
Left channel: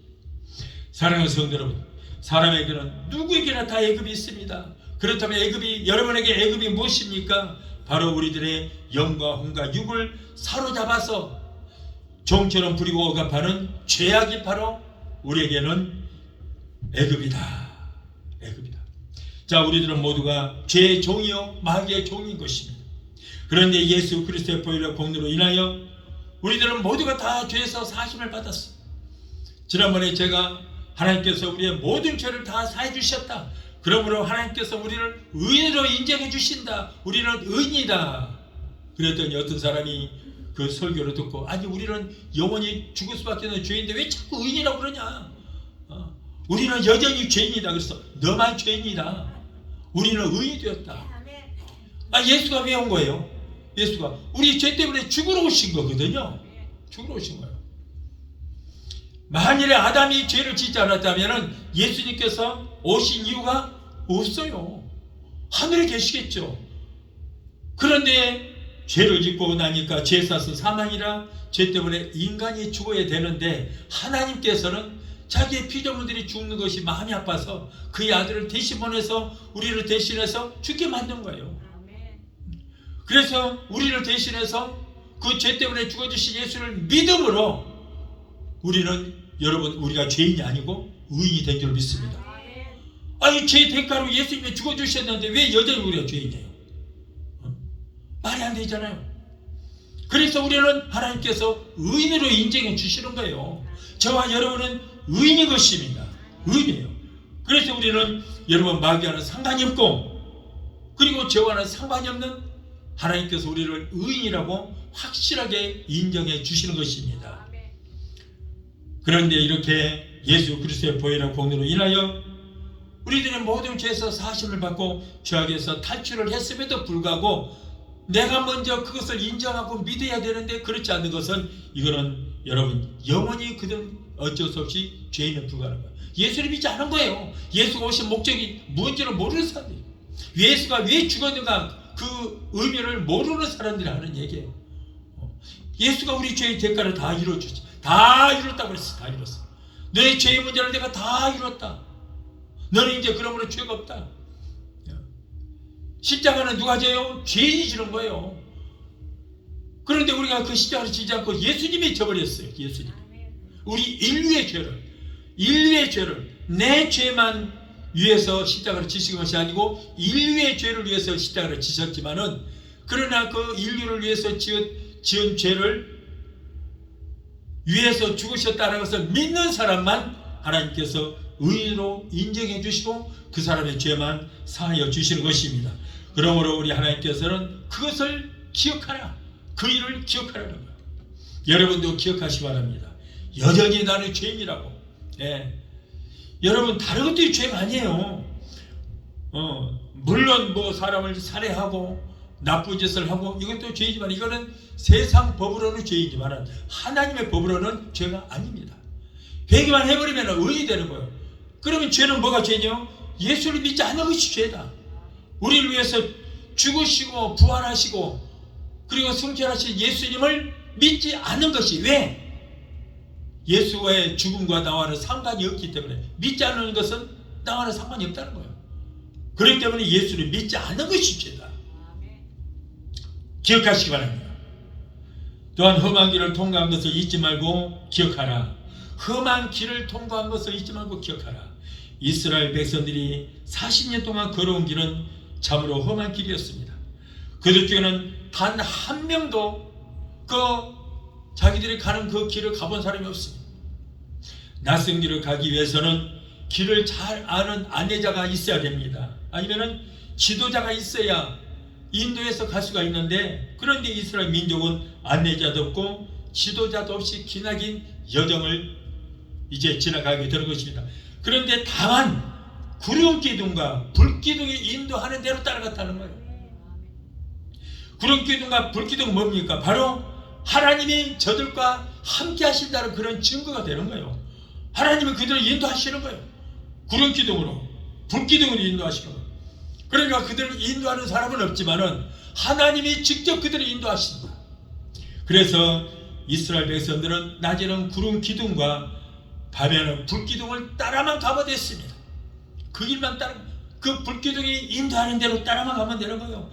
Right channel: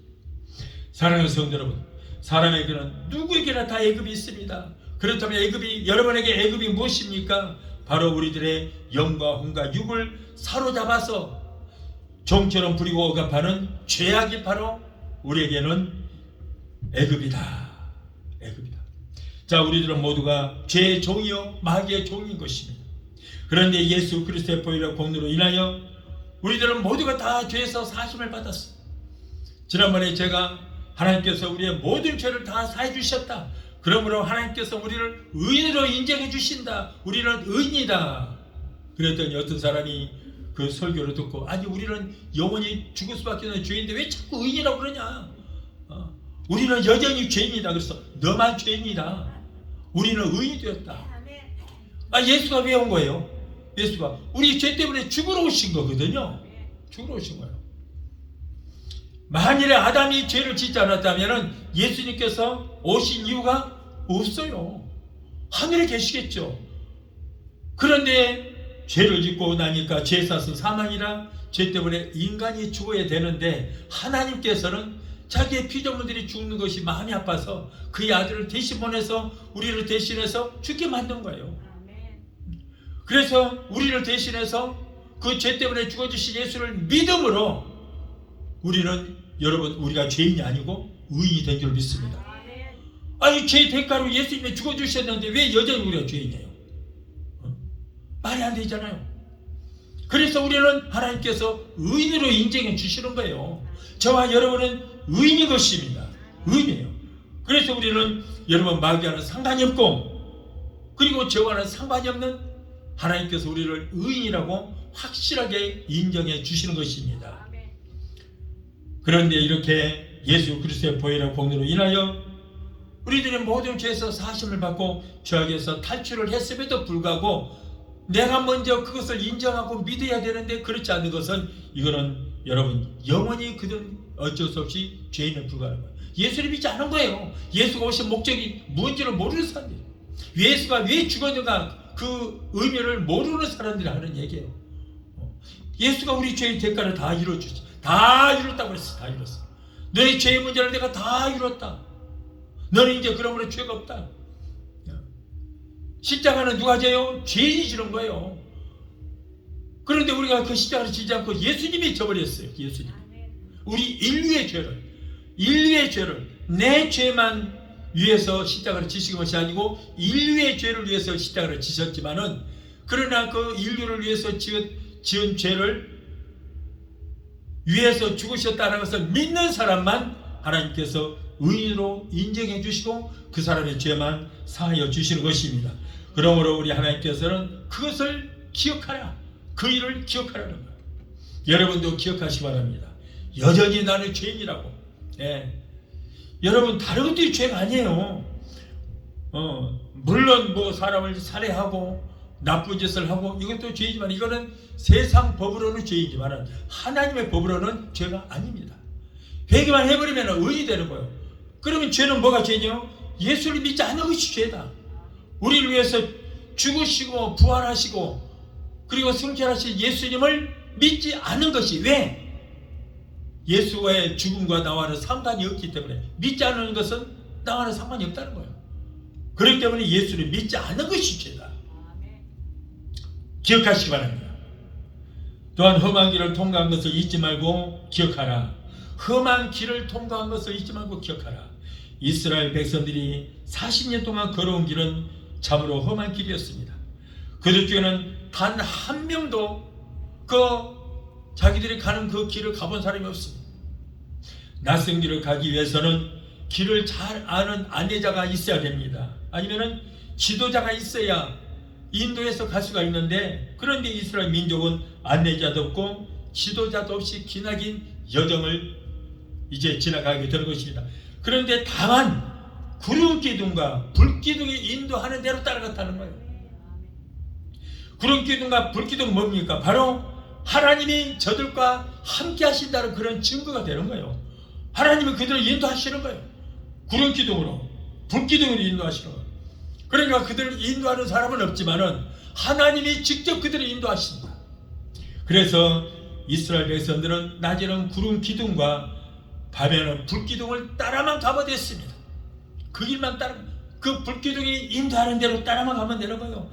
사랑하는 성도 여러분, 사람에게는 누구에게나 다 애굽이 있습니다. 그렇다면 여러분에게 애굽이 무엇입니까? 바로 우리들의 영과 혼과 육을 사로잡아서 종처럼 부리고 억압하는 죄악이 바로 우리에게는 애굽이다. 애굽이다. 자, 우리들은 모두가 죄의 종이요 마귀의 종인 것입니다. 그런데 예수 그리스도의 보혈의 공로로 인하여 우리들은 모두가 다 죄에서 사심을 받았어. 지난번에 제가 하나님께서 우리의 모든 죄를 다 사해 주셨다. 그러므로 하나님께서 우리를 의인으로 인정해 주신다. 우리는 의인이다. 그랬더니 어떤 사람이 그 설교를 듣고, 아니 우리는 영원히 죽을 수밖에 없는 죄인데 왜 자꾸 의인이라고 그러냐. 우리는 여전히 죄인이다. 그래서 너만 죄인이다. 우리는 의인이 되었다. 예수가 왜 온 거예요? 예수가 우리 죄 때문에 죽으러 오신 거거든요. 죽으러 오신 거예요. 만일에 아담이 죄를 짓지 않았다면 예수님께서 오신 이유가 없어요. 하늘에 계시겠죠. 그런데 죄를 짓고 나니까 죄사은 사망이라 죄 때문에 인간이 죽어야 되는데 하나님께서는 자기의 피조물들이 죽는 것이 마음이 아파서 그의 아들을 대신 보내서 우리를 대신해서 죽게 만든 거예요. 그래서 우리를 대신해서 그 죄 때문에 죽어주신 예수를 믿음으로 우리는, 여러분, 우리가 죄인이 아니고 의인이 된 줄 믿습니다. 아니, 죄 대가로 예수님이 죽어주셨는데 왜 여전히 우리가 죄인이에요? 말이 안 되잖아요. 그래서 우리는 하나님께서 의인으로 인정해 주시는 거예요. 저와 여러분은 의인인 것입니다. 의인이에요. 그래서 우리는 여러분 마귀와는 상관이 없고, 그리고 저와는 상관이 없는 하나님께서 우리를 의인이라고 확실하게 인정해 주시는 것입니다. 그런데 이렇게 예수 그리스도의 보혈의 공로로 인하여 우리들의 모든 죄에서 사심을 받고 죄악에서 탈출을 했음에도 불구하고 내가 먼저 그것을 인정하고 믿어야 되는데 그렇지 않는 것은 이거는 여러분 영원히 그들은 어쩔 수 없이 죄인에 불과한 거예요. 예수를 믿지 않은 거예요. 예수가 오신 목적이 뭔지를 모르는 사람들이, 예수가 왜 죽었는가 그 의미를 모르는 사람들이 하는 얘기예요. 예수가 우리 죄의 대가를 다 이루어주지, 다 이뤘다고 그랬어. 다 이뤘어. 너의 죄의 문제를 내가 다 이뤘다. 너는 이제 그러므로 죄가 없다. 십자가는 누가 져요? 죄인이 지는 거예요. 그런데 우리가 그 십자가를 지지 않고 예수님이 져버렸어요. 예수님. 우리 인류의 죄를 내 죄만 위해서 십자가를 지신 것이 아니고 인류의 죄를 위해서 십자가를 지셨지만은, 그러나 그 인류를 위해서 지은 죄를 위해서 죽으셨다는 것을 믿는 사람만 하나님께서 의인으로 인정해 주시고 그 사람의 죄만 사하여 주시는 것입니다. 그러므로 우리 하나님께서는 그것을 기억하라, 그 일을 기억하라는 거예요. 여러분도 기억하시기 바랍니다. 여전히 나는 죄인이라고. 여러분 다른 것들이 죄가 아니에요. 물론 뭐 사람을 살해하고 나쁜 짓을 하고 이것도 죄이지만, 이거는 세상 법으로는 죄이지만 하나님의 법으로는 죄가 아닙니다. 회개만 해버리면 의인이 되는 거예요. 그러면 죄는 뭐가 죄냐? 예수를 믿지 않는 것이 죄다. 우리를 위해서 죽으시고 부활하시고 그리고 승천하신 예수님을 믿지 않는 것이, 왜? 예수의 죽음과 나와는 상관이 없기 때문에, 믿지 않는 것은 나와는 상관이 없다는 거예요. 그렇기 때문에 예수를 믿지 않는 것이 죄다. 기억하시기 바랍니다. 또한 험한 길을 통과한 것을 잊지 말고 기억하라. 험한 길을 통과한 것을 잊지 말고 기억하라. 이스라엘 백성들이 40년 동안 걸어온 길은 참으로 험한 길이었습니다. 그들 중에는 단 한 명도 자기들이 가는 그 길을 가본 사람이 없습니다. 낯선 길을 가기 위해서는 길을 잘 아는 안내자가 있어야 됩니다. 아니면은 지도자가 있어야 인도에서 갈 수가 있는데, 그런데 이스라엘 민족은 안내자도 없고 지도자도 없이 기나긴 여정을 이제 지나가게 되는 것입니다. 그런데 다만 구름 기둥과 불 기둥이 인도하는 대로 따라갔다는 거예요. 구름 기둥과 불 기둥은 뭡니까? 바로 하나님이 저들과 함께 하신다는 그런 증거가 되는 거예요. 하나님이 그들을 인도하시는 거예요. 구름 기둥으로, 불 기둥으로 인도하시는 거예요. 그러니까 그들을 인도하는 사람은 없지만은 하나님이 직접 그들을 인도하신다. 그래서 이스라엘 백성들은 낮에는 구름 기둥과 밤에는 불 기둥을 따라만 가면 됐습니다. 그 길만 따라, 그 불 기둥이 인도하는 대로 따라만 가면 되는 거예요.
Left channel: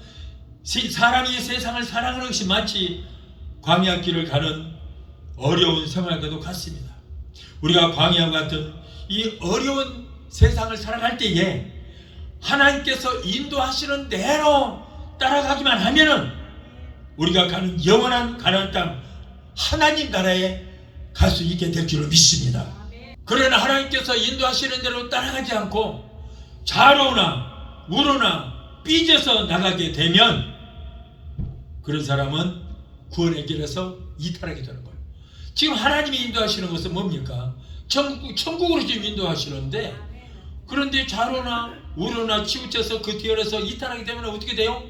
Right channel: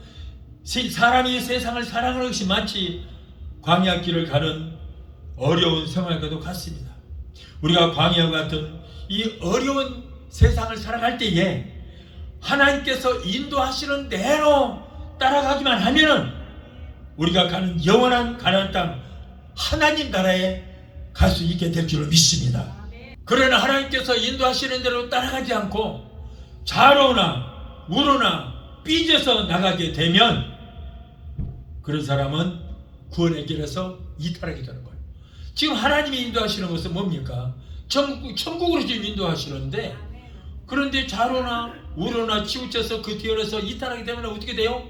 사람이 세상을 사랑하는 것이 마치 광야 길을 가는 어려운 생활과도 같습니다. 우리가 광야와 같은 이 어려운 세상을 살아갈 때에 하나님께서 인도하시는 대로 따라가기만 하면은 우리가 가는 영원한 가나안 땅, 하나님 나라에 갈 수 있게 될 줄을 믿습니다. 그러나 하나님께서 인도하시는 대로 따라가지 않고 좌로나 우로나 삐져서 나가게 되면 그런 사람은 구원의 길에서 이탈하게 되는 거예요. 지금 하나님이 인도하시는 것은 뭡니까? 천국으로 지금 인도하시는데, 그런데 좌로나 우로나 치우쳐서 그 뒤에서 이탈하게 되면 어떻게 돼요?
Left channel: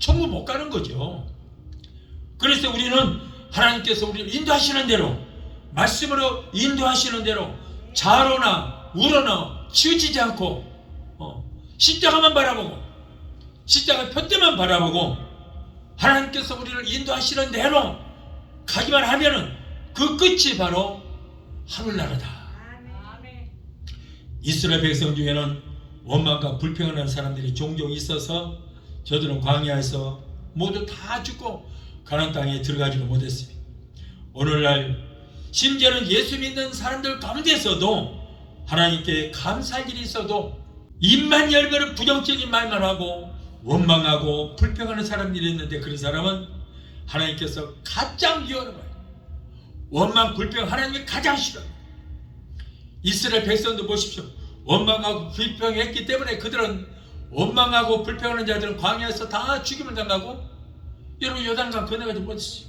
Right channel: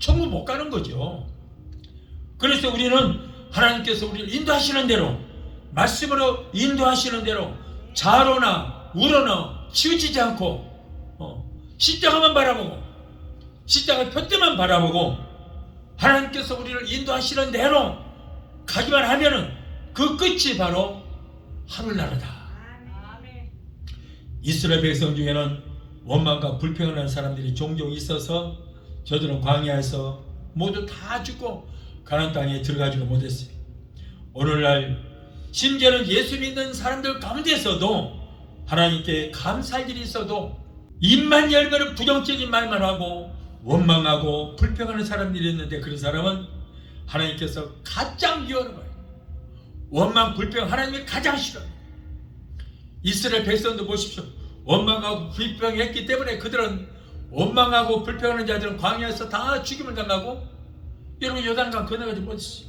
천국 못 가는 거죠. 그래서 우리는 하나님께서 우리를 인도하시는 대로, 말씀으로 인도하시는 대로 좌로나 우로나 치우치지 않고 십자가만 바라보고 십자가 표대만 바라보고 하나님께서 우리를 인도하시는 대로 가기만 하면은 그 끝이 바로 하늘나라다. 이스라엘 백성 중에는 원망과 불평하는 사람들이 종종 있어서 저들은 광야에서 모두 다 죽고 가나안 땅에 들어가지도 못했습니다. 오늘날 심지어는 예수 믿는 사람들 가운데서도 하나님께 감사할 일이 있어도 입만 열면 부정적인 말만 하고 원망하고 불평하는 사람들이 있는데, 그런 사람은 하나님께서 가장 미워하는 거예요. 원망, 불평 하나님이 가장 싫어요. 이스라엘 백성도 보십시오. 원망하고 불평했기 때문에 그들은, 원망하고 불평하는 자들은 광야에서 다 죽임을 당하고 여러분 요단강 건너가지 못했어요.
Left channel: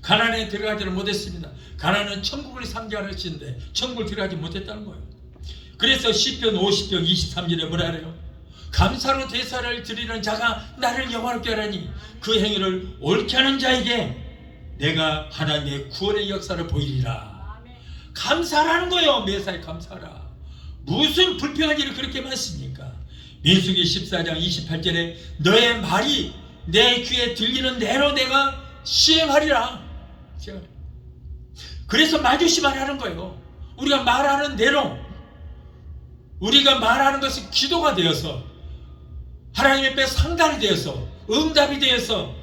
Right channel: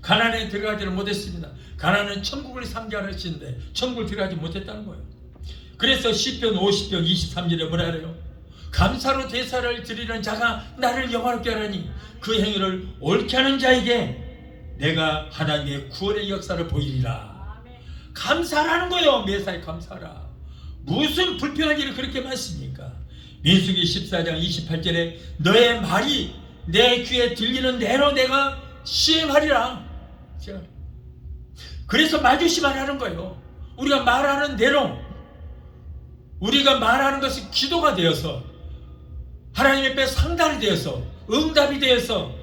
가나안에 들어가지는 못했습니다. 가나안은 천국을 상징하는 것인데 천국을 들어가지 못했다는 거예요. 그래서 시편 50편 23절에 뭐라 그래요? 감사로 제사를 드리는 자가 나를 영화롭게 하라니 그 행위를 옳게 하는 자에게 내가 하나님의 구원의 역사를 보이리라. 감사라는 거예요. 매사에 감사라. 무슨 불평한 일이 그렇게 많습니까? 민수기 14장 28절에 너의 말이 내 귀에 들리는 대로 내가 시행하리라. 그래서 말조심하라는 거예요. 우리가 말하는 대로, 우리가 말하는 것이 기도가 되어서 하나님 앞에 상달이 되어서 응답이 되어서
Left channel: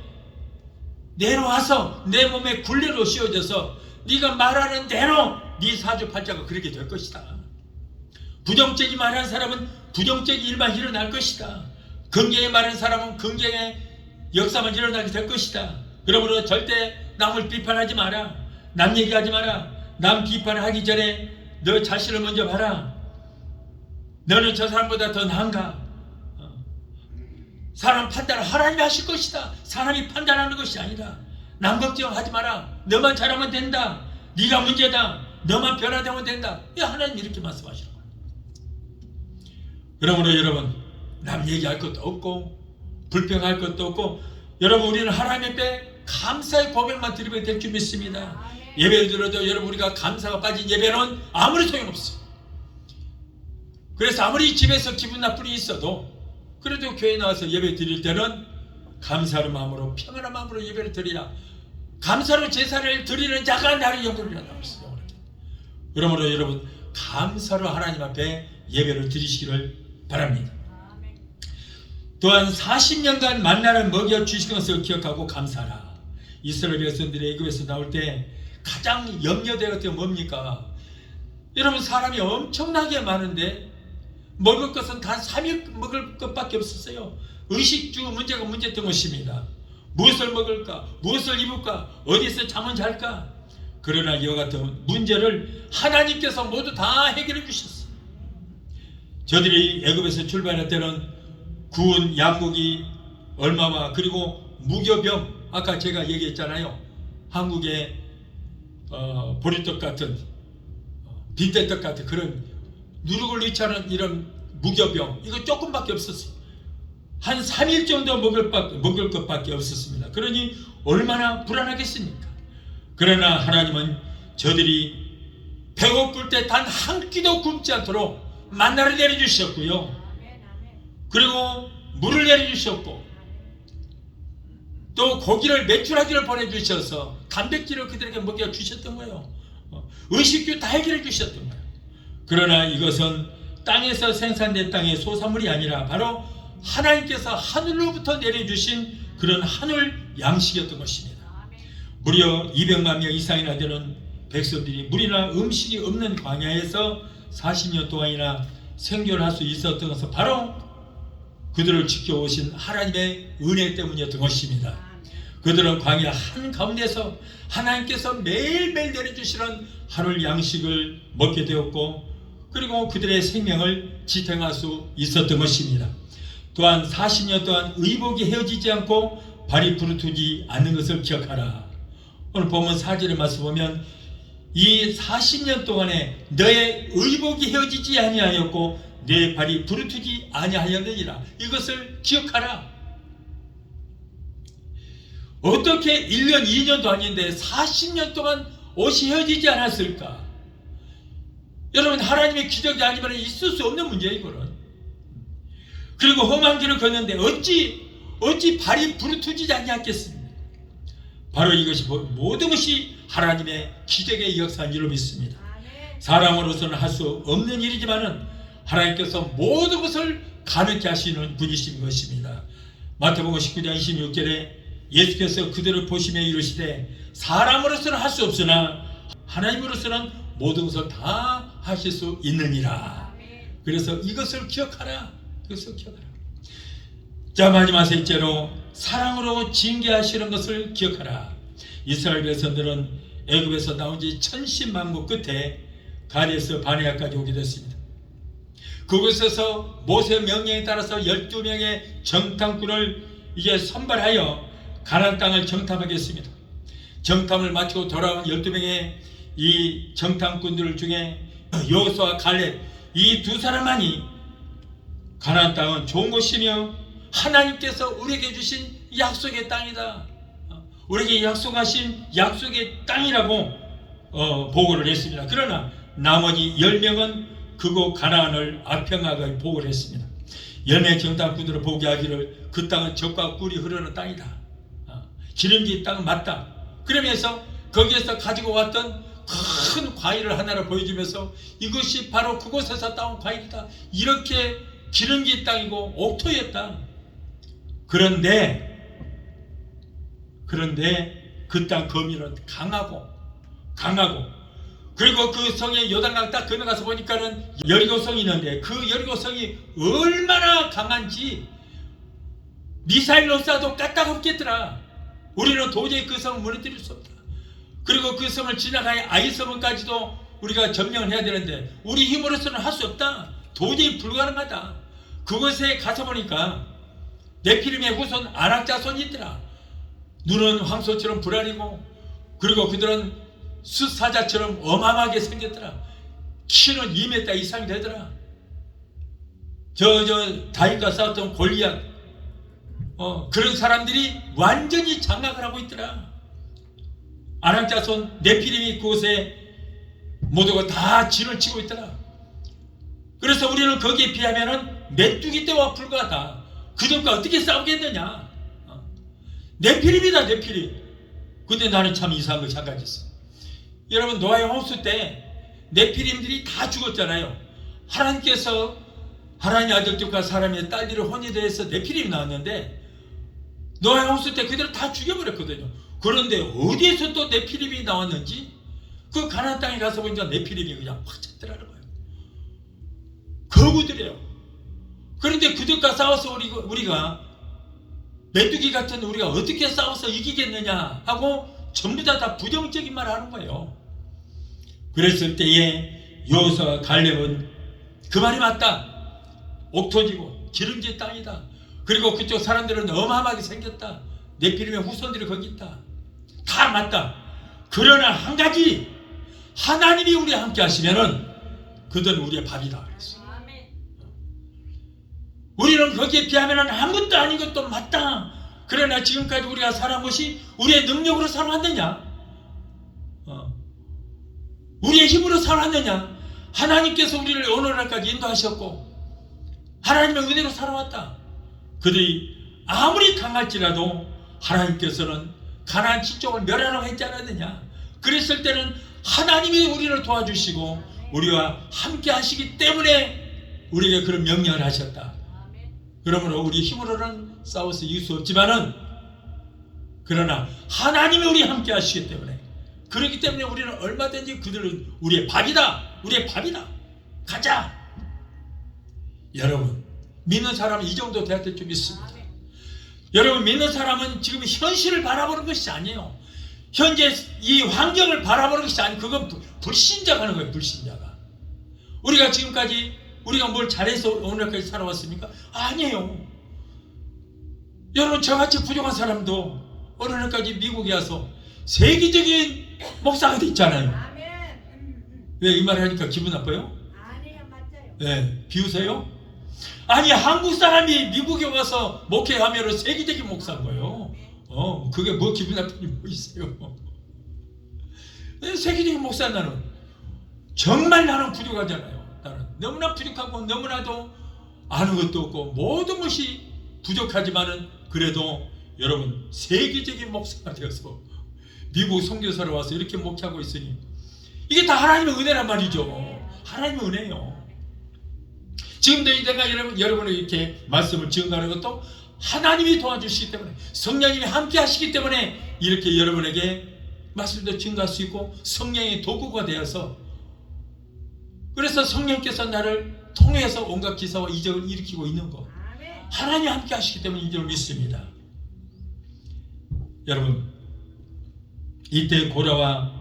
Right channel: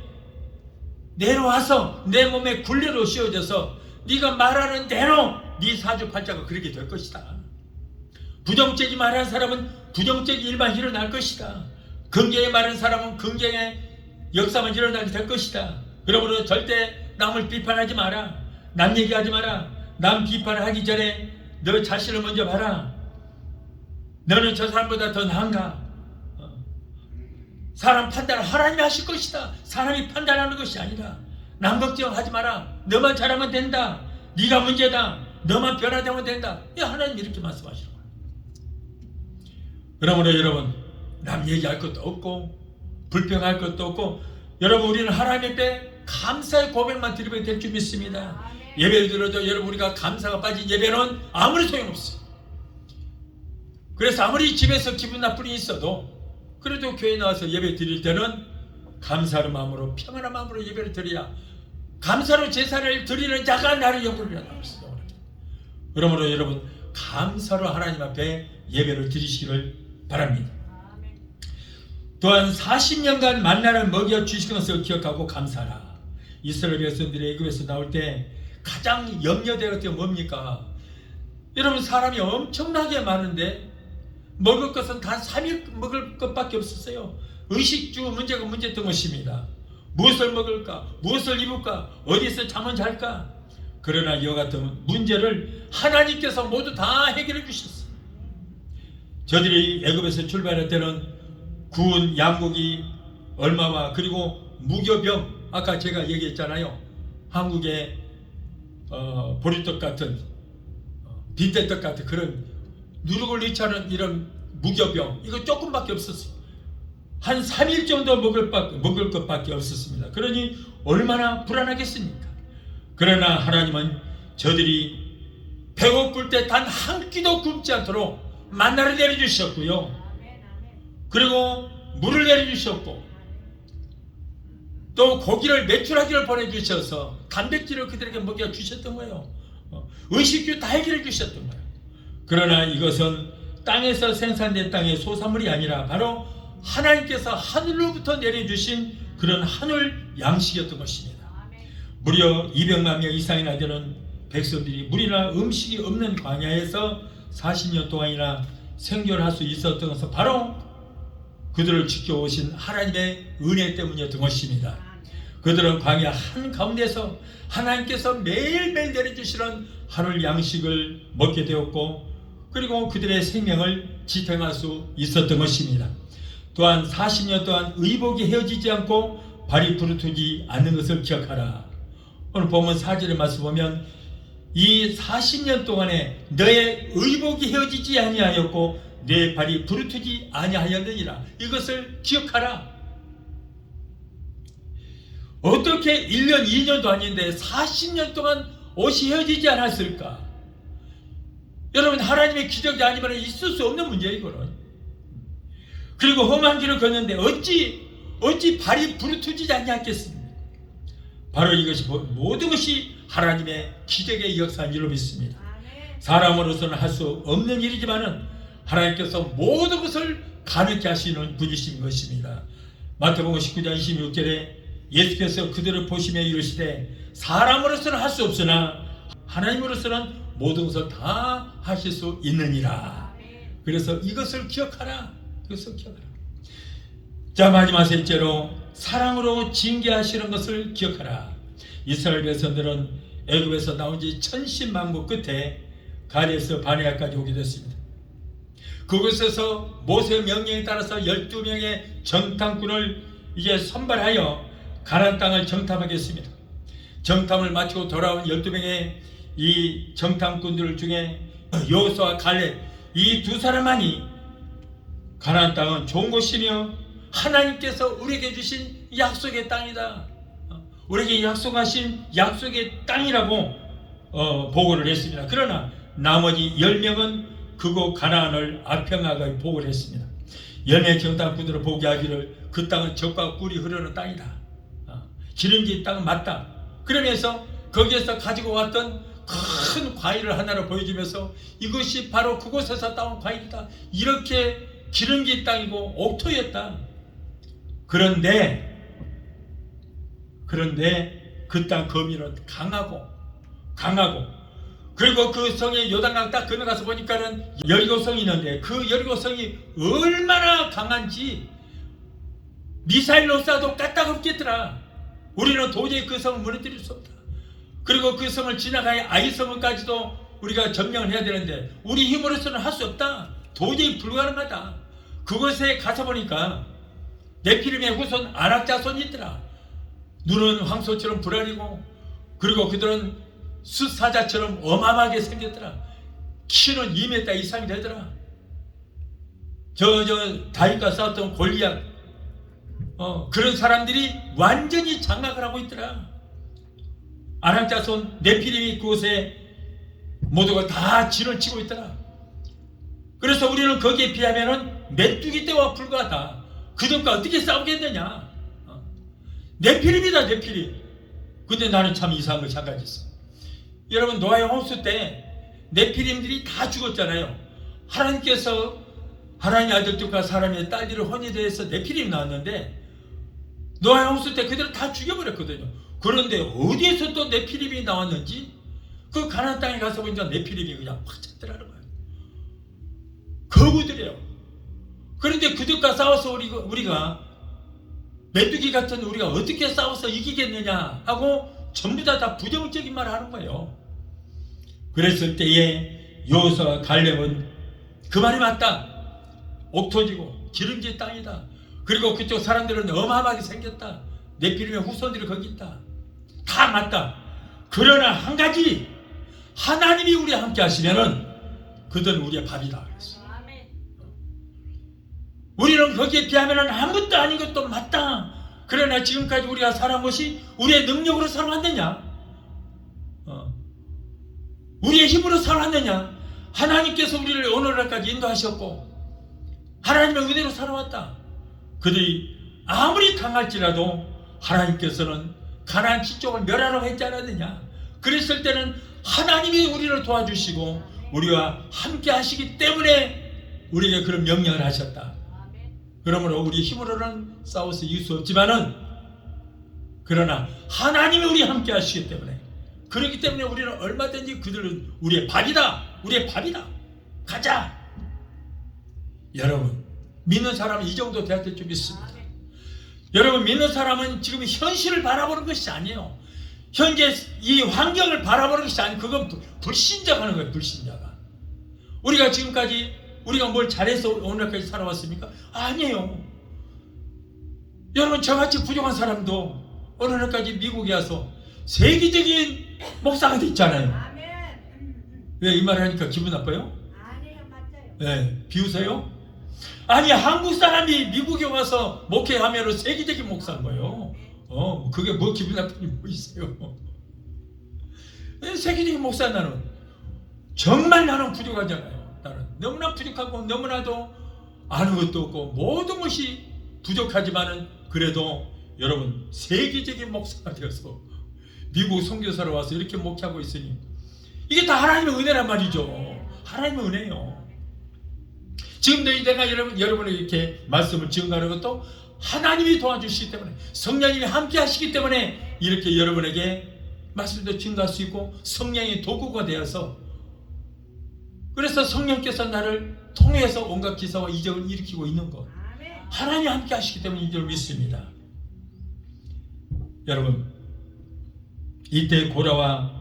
내려와서 내 몸에 굴레로 씌워져서 네가 말하는 대로 네 사주팔자가 그렇게 될 것이다. 부정적인 말하는 사람은 부정적인 일만 일어날 것이다. 긍정의 말하는 사람은 긍정의 역사만 일어나게 될 것이다. 그러므로 절대 남을 비판하지 마라. 남 얘기하지 마라. 남 비판을 하기 전에 너 자신을 먼저 봐라. 너는 저 사람보다 더 나은가? 사람 판단을 하나님이 하실 것이다. 사람이 판단하는 것이 아니라. 남 걱정하지 마라. 너만 잘하면 된다. 네가 문제다. 너만 변화되면 된다. 하나님 이렇게 말씀하시는 거예요. 그러므로 여러분, 남 얘기할 것도 없고 불평할 것도 없고, 여러분 우리는 하나님 앞에 감사의 고백만 드리면 될 줄 믿습니다. 예배를 들어도 여러분 우리가 감사가 빠진 예배는 아무리 소용없어요. 그래서 아무리 집에서 기분 나쁜 일이 있어도 그래도 교회 나와서 예배 드릴 때는 감사의 마음으로, 평안한 마음으로 예배를 드려야 감사로 제사를 드리는 자가 나를 영광을 나왔어요. 그러므로 여러분 감사로 하나님 앞에 예배를 드리시기를 바랍니다. 또한 40년간 만나를 먹여 주신 것을 기억하고 감사하라. 이스라엘 백성들이 애굽에서 나올 때 가장 염려되었던 게 뭡니까? 여러분 사람이 엄청나게 많은데 먹을 것은 단 3일 먹을 것밖에 없었어요. 의식 중 문제가 문제였던 것입니다. 무엇을 먹을까? 무엇을 입을까? 어디서 잠은 잘까? 그러나 이와 같은 문제를 하나님께서 모두 다 해결해 주셨어요. 저들이 애굽에서 출발할 때는 구운 양고기 얼마와 그리고 무교병, 아까 제가 얘기했잖아요. 한국의 보리떡 같은 빈대떡 같은 그런 누룩을 잃지않은 이런 무교병, 이거 조금밖에 없었어요. 한 3일 정도 먹을 것밖에 없었습니다. 그러니 얼마나 불안하겠습니까? 그러나 하나님은 저들이 배고플 때 단 한 끼도 굶지 않도록 만나를 내려주셨고요. 그리고 물을 내려주셨고 또 고기를 메추라기를 보내주셔서 단백질을 그들에게 먹여주셨던 거예요. 의식주 다 해결해 주셨던 거예요. 그러나 이것은 땅에서 생산된 땅의 소산물이 아니라 바로 하나님께서 하늘로부터 내려주신 그런 하늘 양식이었던 것입니다. 무려 200만 명 이상이나 되는 백성들이 물이나 음식이 없는 광야에서 40년 동안이나 생존할 수 있었던 것은 바로 그들을 지켜오신 하나님의 은혜 때문이었던 것입니다. 그들은 광야 한가운데서 하나님께서 매일매일 내려주시는 하늘 양식을 먹게 되었고, 그리고 그들의 생명을 지탱할 수 있었던 것입니다. 또한 40년 동안 의복이 헤어지지 않고 발이 부르트지 않는 것을 기억하라. 오늘 본문 4절의 말씀 보면 이 40년 동안에 너의 의복이 헤어지지 아니하였고 내 발이 부르트지 아니하였느니라. 이것을 기억하라. 어떻게 1년 2년도 아닌데 40년 동안 옷이 헤어지지 않았을까? 여러분 하나님의 기적이 아니면 있을 수 없는 문제예요. 이거는. 그리고 험한 길을 걷는데 어찌 발이 부르트지 아니하겠습니까? 바로 이것이 모든 것이 하나님의 기적의 역사인 줄로 믿습니다. 사람으로서는 할 수 없는 일이지만은 하나님께서 모든 것을 가능케 하시는 분이신 것입니다. 마태복음 19장 26절에 예수께서 그들을 보시며 이르시되 사람으로서는 할 수 없으나 하나님으로서는 모든 것을 다 하실 수 있느니라. 그래서 이것을 기억하라. 이것을 기억하라. 자, 마지막 셋째로 사랑으로 징계하시는 것을 기억하라. 이스라엘 백성들은 애굽에서 나온 지 천신만고 끝에 가데스 바네아까지 오게 됐습니다. 그곳에서 모세 명령에 따라서 12명의 정탐꾼을 이제 선발하여 가나안 땅을 정탐하겠습니다. 정탐을 마치고 돌아온 12명의 이 정탐꾼들 중에 여호수아, 갈렙 이 두 사람만이 가나안 땅은 좋은 곳이며 하나님께서 우리에게 주신 약속의 땅이다. 우리에게 약속하신 약속의 땅이라고 보고를 했습니다. 그러나 나머지 10명은 그곳 가나안을 아평하게 보고를 했습니다. 열매 경당꾼들을 보게 하기를 그 땅은 젖과 꿀이 흐르는 땅이다. 기름진 땅은 맞다. 그러면서 거기에서 가지고 왔던 큰 과일을 하나를 보여주면서 이것이 바로 그곳에서 따온 과일이다. 이렇게 기름진 땅이고 옥토의 땅. 그런데 그 땅 거민은 강하고 그리고 그 성의 요단강 딱 건너가서 보니까는 여리고성이 있는데 그 여리고성이 얼마나 강한지 미사일로 쏴도 까딱없겠더라. 우리는 도저히 그 성을 무너뜨릴 수 없다. 그리고 그 성을 지나가야 아이성을까지도 우리가 점령을 해야 되는데 우리 힘으로서는 할 수 없다. 도저히 불가능하다. 그곳에 가서 보니까 네피림의 후손 아낙 자손이 있더라. 눈은 황소처럼 불알이고 그리고 그들은 숫사자처럼 어마어마하게 생겼더라. 키는 2m 이상이 되더라. 다윗과 싸웠던 골리앗 그런 사람들이 완전히 장악을 하고 있더라. 아낙 자손 네피림이 그곳에 모두가 다 진을 치고 있더라. 그래서 우리는 거기에 비하면은 메뚜기 떼와 불과하다. 그들과 어떻게 싸우겠느냐. 네피림이다 네피림. 근데 나는 참 이상한 걸 생각했어. 여러분 노아의 홍수 때 네피림들이 다 죽었잖아요. 하나님께서 하나님의 아들들과 사람의 딸들을 혼인해서 네피림이 나왔는데 노아의 홍수 때 그들을 다 죽여버렸거든요. 그런데 어디에서 또 네피림이 나왔는지 그 가나안 땅에 가서 보니까 네피림이 그냥 확 찼더라는 거예요. 거구들이에요. 그런데 그들과 싸워서 우리가 메뚜기 같은 우리가 어떻게 싸워서 이기겠느냐 하고 전부 다 부정적인 말을 하는 거예요. 그랬을 때에 여호수아와 갈렙은 그 말이 맞다. 옥토지고 기름진 땅이다. 그리고 그쪽 사람들은 어마어마하게 생겼다. 네피림의 후손들이 거기 있다. 다 맞다. 그러나 한 가지, 하나님이 우리와 함께 하시면은 그들은 우리의 밥이다 그랬어. 우리는 거기에 비하면 아무것도 아닌 것도 맞다. 그러나 지금까지 우리가 살아온 것이 우리의 능력으로 살아왔느냐? 우리의 힘으로 살아왔느냐? 하나님께서 우리를 오늘날까지 인도하셨고 하나님의 은혜로 살아왔다. 그들이 아무리 강할지라도 하나님께서는 가나안 지쪽을 멸하라고 했지 않았느냐? 그랬을 때는 하나님이 우리를 도와주시고 우리와 함께 하시기 때문에 우리에게 그런 명령을 하셨다. 그러므로 우리 힘으로는 싸워서 이길 수 없지만은 그러나 하나님이 우리와 함께 하시기 때문에 그렇기 때문에 우리는 얼마든지 그들은 우리의 밥이다. 우리의 밥이다. 가자. 여러분 믿는 사람은 이 정도 돼야 될 줄 믿습니다. 여러분 믿는 사람은 지금 현실을 바라보는 것이 아니에요. 현재 이 환경을 바라보는 것이 아니고 그건 불신자가 하는 거예요. 불신자가. 우리가 지금까지 우리가 뭘 잘해서 오늘까지 살아왔습니까? 아니에요. 여러분 저같이 부족한 사람도 오늘까지 미국에 와서 세계적인 목사가 됐잖아요. 왜 이 말을 하니까 기분 나빠요? 아니요, 맞아요. 네, 비웃어요? 아니 한국 사람이 미국에 와서 목회하면 세계적인 목사인 거예요. 그게 뭐 기분 나쁜 일이 뭐 있어요? 세계적인 목사 나는 정말 나는 부족하잖아요. 나는 너무나 부족하고 너무나도 아는 것도 없고 모든 것이 부족하지만은 그래도 여러분 세계적인 목사가 되어서 미국 선교사로 와서 이렇게 목회하고 있으니 이게 다 하나님의 은혜란 말이죠. 하나님의 은혜예요. 지금도 내가 여러분을 이렇게 말씀을 지어가는 것도 하나님이 도와주시기 때문에 성령님이 함께 하시기 때문에 이렇게 여러분에게 말씀도 증거할 수 있고 성령의 도구가 되어서 그래서 성령께서 나를 통해서 온갖 기사와 이적을 일으키고 있는 것 하나님이 함께 하시기 때문에 이 줄 믿습니다. 여러분 이때 고라와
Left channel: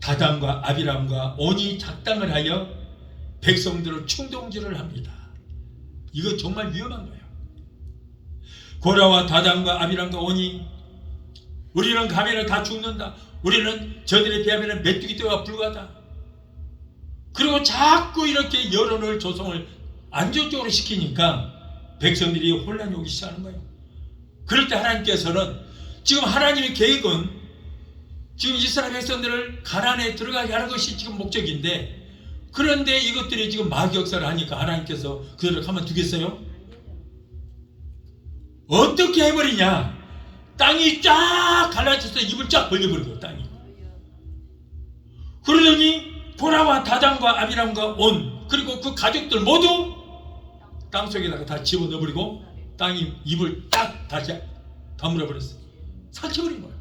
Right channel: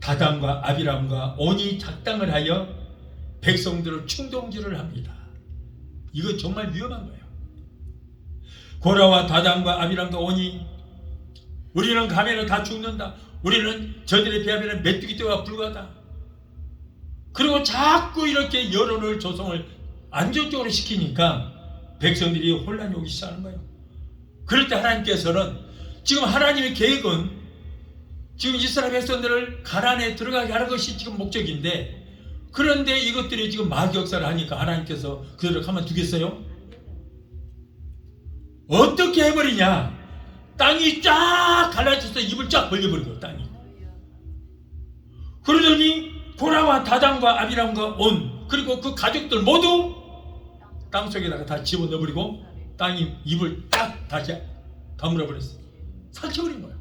다단과 아비람과 온이 작당을 하여 백성들을 충동질을 합니다. 이거 정말 위험한 거예요. 고라와 다단과 아비람과 온이 우리는 가면은 다 죽는다. 우리는 저들에 비하면 메뚜기 떼와 불과하다. 그리고 자꾸 이렇게 여론을 조성을 안정적으로 시키니까 백성들이 혼란이 오기 시작하는 거예요. 그럴 때 하나님께서는 지금 하나님의 계획은 지금 이스라엘 백성들을 가나안에 들어가게 하는 것이 지금 목적인데, 그런데 이것들이 지금 마귀 역사를 하니까 하나님께서 그들을 가만두겠어요? 어떻게 해버리냐? 땅이 쫙 갈라져서 입을 쫙 벌려버려요. 땅이. 그러더니 고라와 다단과 아비람과 온, 그리고 그 가족들 모두 땅속에다가 다 집어넣어버리고 땅이 입을 딱 다시 다물어버렸어요. 삭혀버린 거예요.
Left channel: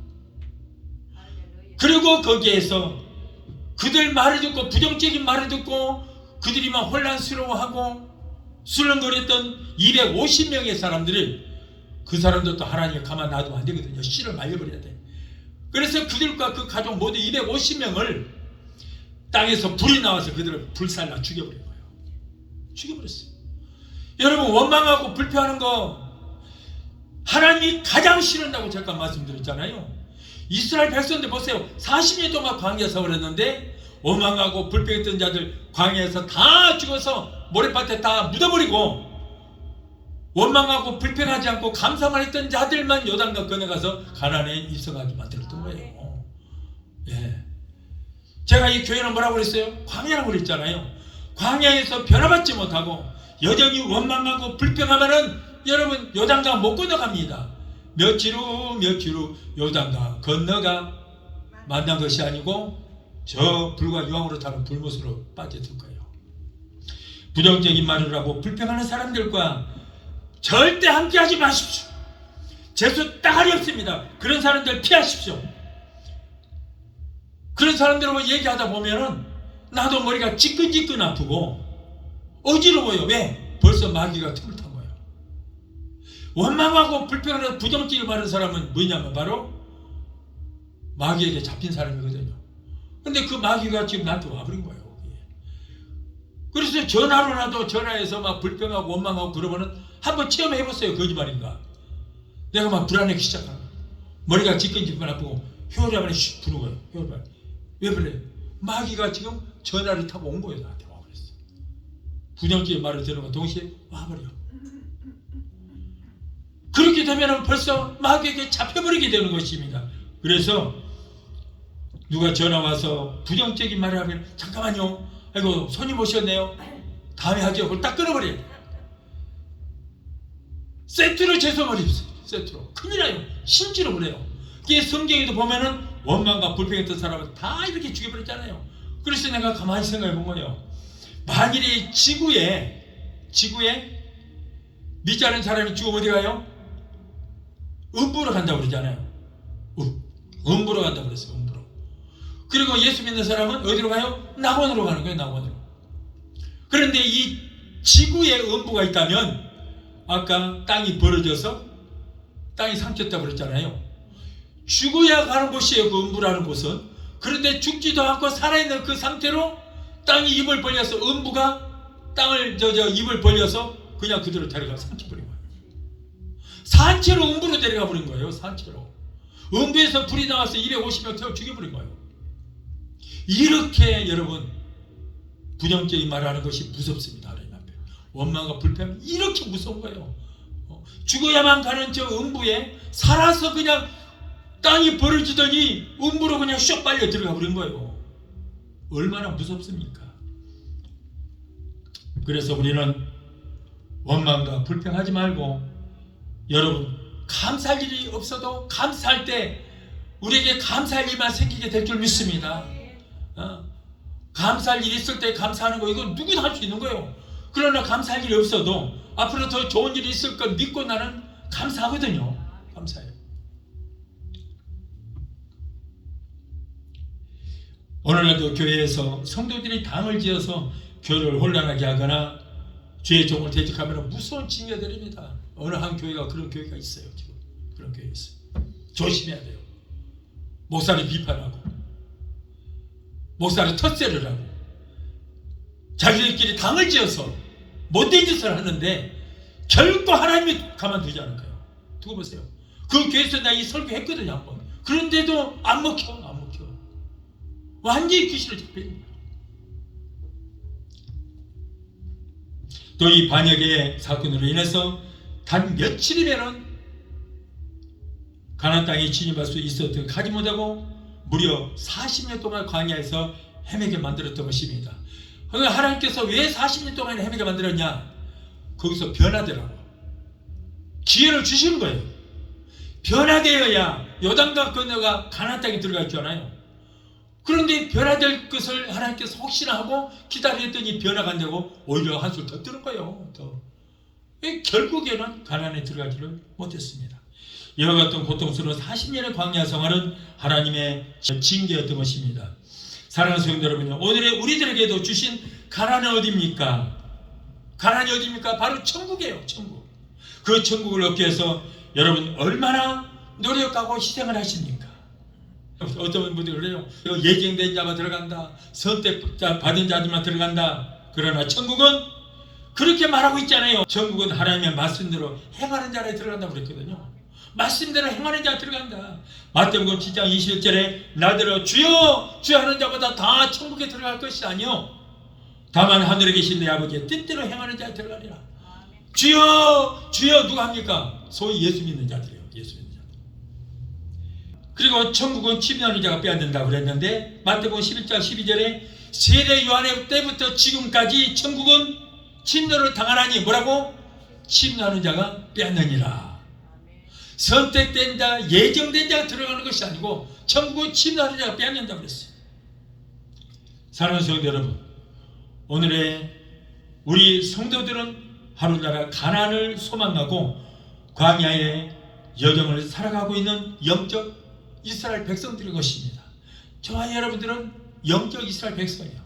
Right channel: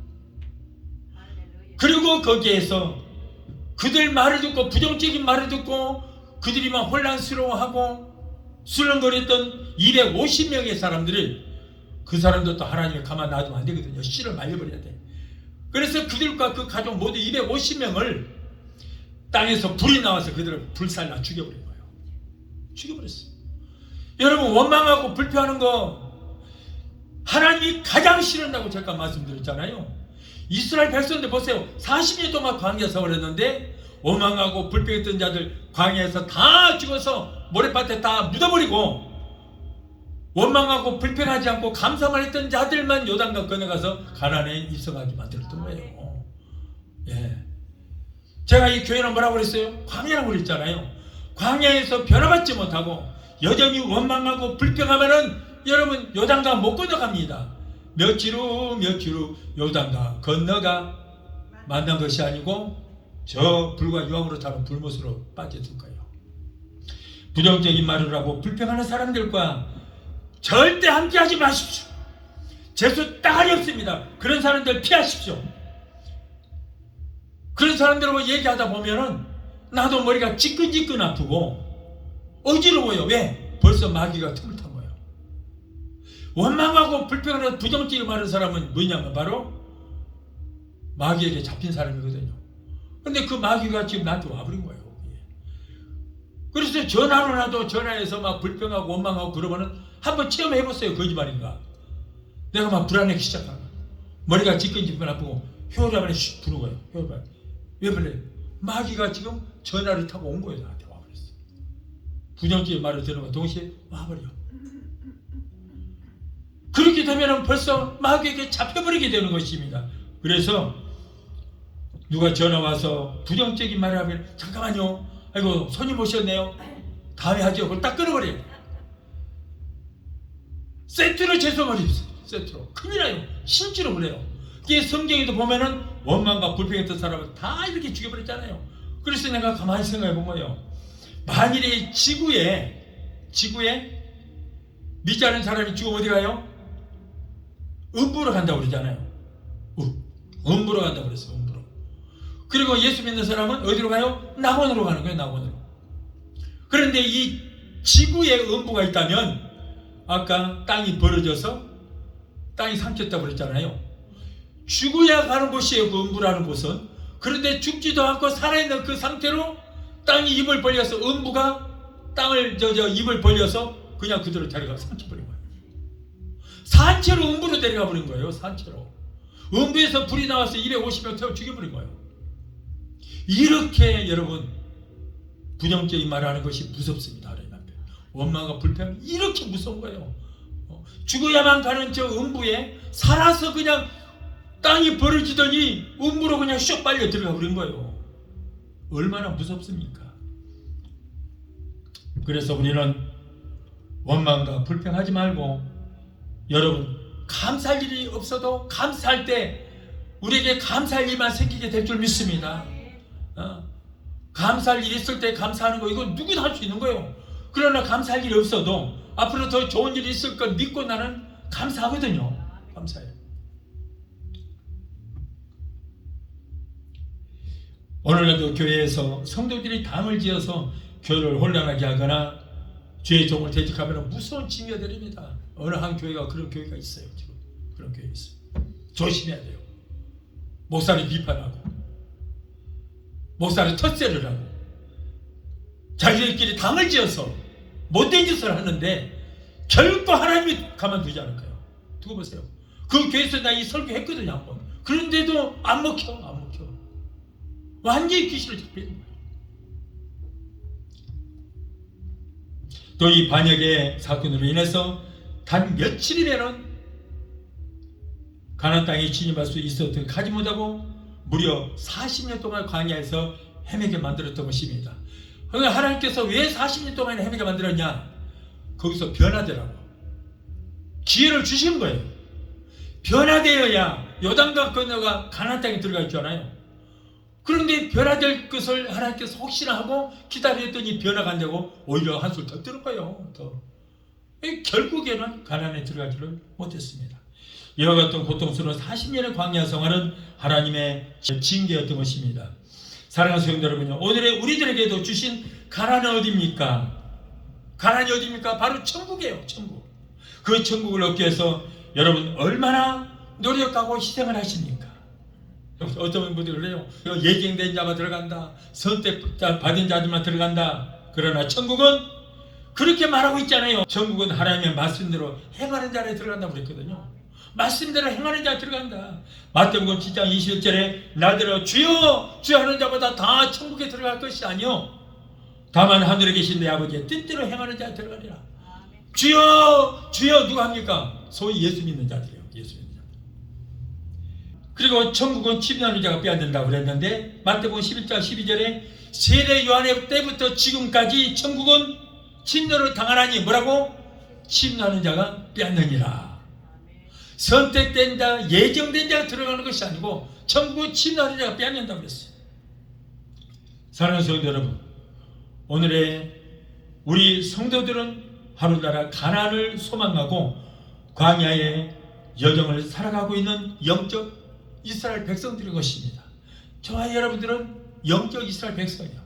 그리고 거기에서 그들 말을 듣고, 부정적인 말을 듣고 그들이 막 혼란스러워하고 술렁거렸던 250명의 사람들이, 그 사람들도 하나님을 가만 놔두면 안 되거든요. 씨를 말려버려야 돼. 그래서 그들과 그 가족 모두 250명을 땅에서 불이 나와서 그들을 불살라 죽여버린 거예요. 죽여버렸어요. 여러분, 원망하고 불평하는 거 하나님이 가장 싫어한다고 제가 말씀드렸잖아요. 이스라엘 백성들 보세요. 40년 동안 광야 생활을 했는데 원망하고 불평했던 자들 광야에서 다 죽어서 모래밭에 다 묻어버리고, 원망하고 불평하지 않고 감사만 했던 자들만 요단강 건너가서 가나안에 입성하게 만들었던 거예요. 예. 제가 이 교회는 뭐라고 그랬어요? 광야라고 그랬잖아요. 광야에서 변화받지 못하고 여전히 원망하고 불평하면은 여러분 요단강 못 건너갑니다. 며칠 후 요단강 건너가 만난 것이 아니고 저 불과 유황으로 타는 불못으로 빠져들 거예요. 부정적인 말을 하고 불평하는 사람들과 절대 함께하지 마십시오. 재수 따가리 없습니다. 그런 사람들 피하십시오. 그런 사람들하고 얘기하다 보면은 나도 머리가 지끈지끈 아프고 어지러워요. 왜? 벌써 마귀가 틈을 탄 거예요. 원망하고 불평하는 부정적인 말하는 사람은 뭐냐면 바로 마귀에게 잡힌 사람이거든요. 근데 그 마귀가 지금 나한테 와버린 거예요. 그래서 전화로 나도 전화해서 막 불평하고 원망하고 그러면은 한번 체험해보세요. 거짓말인가? 내가 막 불안하기 시작하는 거예요. 머리가 지끈지끈 아프고 혀를 슉 부는 거예요. 혀를. 왜 그래? 마귀가 지금 전화를 타고 온 거예요. 나한테 와버렸어. 부정적인 말을 들으면 동시에 와버려. 그렇게 되면 벌써 마귀에게 잡혀버리게 되는 것입니다. 그래서 누가 전화 와서 부정적인 말을 하면 잠깐만요. 아이고 손님 오셨네요. 다음에 하죠. 그걸 딱 끊어버려요. 세트로 죄송하십시오. 세트로. 큰일 나요. 실제로 그래요. 이게 성경에도 보면은 원망과 불평했던 사람을 다 이렇게 죽여버렸잖아요. 그래서 내가 가만히 생각해 본 거예요. 만일에 지구에 믿지 않은 사람이 죽으면 어디 가요? 음부로 간다고 그러잖아요. 음부로 간다고 그랬어요. 음부로. 그리고 예수 믿는 사람은 어디로 가요? 낙원으로 가는 거예요. 낙원으로. 그런데 이 지구에 음부가 있다면 아까 땅이 벌어져서 땅이 삼켰다고 그랬잖아요. 죽어야 가는 곳이에요. 그 음부라는 곳은. 그런데 죽지도 않고 살아있는 그 상태로 땅이 입을 벌려서 음부가 땅을 입을 벌려서 그냥 그대로 데려가 삼켜버린 거예요. 산채로 음부로 데려가 버린 거예요. 산채로. 음부에서 불이 나와서 250명 태워 죽여버린 거예요. 이렇게 여러분 부정적인 말을 하는 것이 무섭습니다. 하나님 앞에. 원망과 불평 이렇게 무서운 거예요. 죽어야만 가는 저 음부에 살아서 그냥 땅이 벌어지더니 음부로 그냥 슉 빨려 들어가 버린 거예요. 얼마나 무섭습니까? 그래서 우리는 원망과 불평하지 말고 여러분 감사할 일이 없어도 감사할 때 우리에게 감사할 일만 생기게 될 줄 믿습니다. 감사할 일이 있을 때 감사하는 거 이건 누구나 할 수 있는 거예요. 그러나 감사할 일이 없어도 앞으로 더 좋은 일이 있을 걸 믿고 나는 감사하거든요. 감사해요. 오늘날도 교회에서 성도들이 당을 지어서 교회를 혼란하게 하거나 주의 종을 대적하면 무서운 징계들입니다. 어느 한 교회가 그런 교회가 있어요. 지금 그런 교회 있어요. 조심해야 돼요. 목사를 비판하고 목사를 텃세를 하고 자기들끼리 당을 지어서 못된 짓을 하는데 결코 하나님이 가만두지 않을 거예요. 두고 보세요. 그 교회에서 나 이 설교했거든요. 한번. 그런데도 안 먹혀. 완전히 귀신을 잡히는 거예요. 또 이 반역의 사건으로 인해서 단 며칠이면은 가나안 땅에 진입할 수 있었던 가지 못하고 무려 40년 동안 광야에서 헤매게 만들었던 것입니다. 그러니까 하나님께서 왜 40년 동안 헤매게 만들었냐? 거기서 변화되라고 기회를 주신 거예요. 변화되어야 요단강 건너가 가나안 땅에 들어갈 줄 알아요. 그런데 변화될 것을 하나님께서 혹시나 하고 기다렸더니 변화가 안 되고 오히려 한술 더 들은 거예요. 더. 결국에는 가나안에 들어가지를 못했습니다. 이와 같은 고통스러운 40년의 광야 생활은 하나님의 징계였던 것입니다. 사랑하는 성도 여러분, 오늘의 우리들에게도 주신 가나안은 어디입니까? 가나안이 어디입니까? 바로 천국이에요. 천국. 그 천국을 얻기 위해서 여러분 얼마나 노력하고 희생을 하십니까? 어떤 분들이 그래요. 예정된 자만 들어간다. 선택받은 자들만 들어간다. 그러나 천국은 그렇게 말하고 있잖아요. 천국은 하나님의 말씀대로 행하는 자에 들어간다고 그랬거든요. 말씀대로 행하는 자에 들어간다. 마태복음 7장 21절에 나더러 주여 주여 하는 자보다 다 천국에 들어갈 것이 아니요 다만 하늘에 계신 내 아버지의 뜻대로 행하는 자에 들어가리라. 주여 주여 누가 합니까? 소위 예수 믿는 자들이에요. 예수 믿는 자들. 그리고 천국은 침노하는 자가 빼앗는다고 그랬는데 마태복음 11장 12절에 세례 요한의 때부터 지금까지 천국은 침노를 당하나니 뭐라고? 침노하는 자가 빼앗느니라. 선택된 자, 예정된 자가 들어가는 것이 아니고 천국은 침노하는 자가 빼앗는다고 그랬어요. 사랑하는 성도 여러분, 오늘의 우리 성도들은 하루나라 가나안을 소망하고 광야의 여정을 살아가고 있는 영적 이스라엘 백성들인 것입니다. 저와 여러분들은 영적 이스라엘 백성이에요.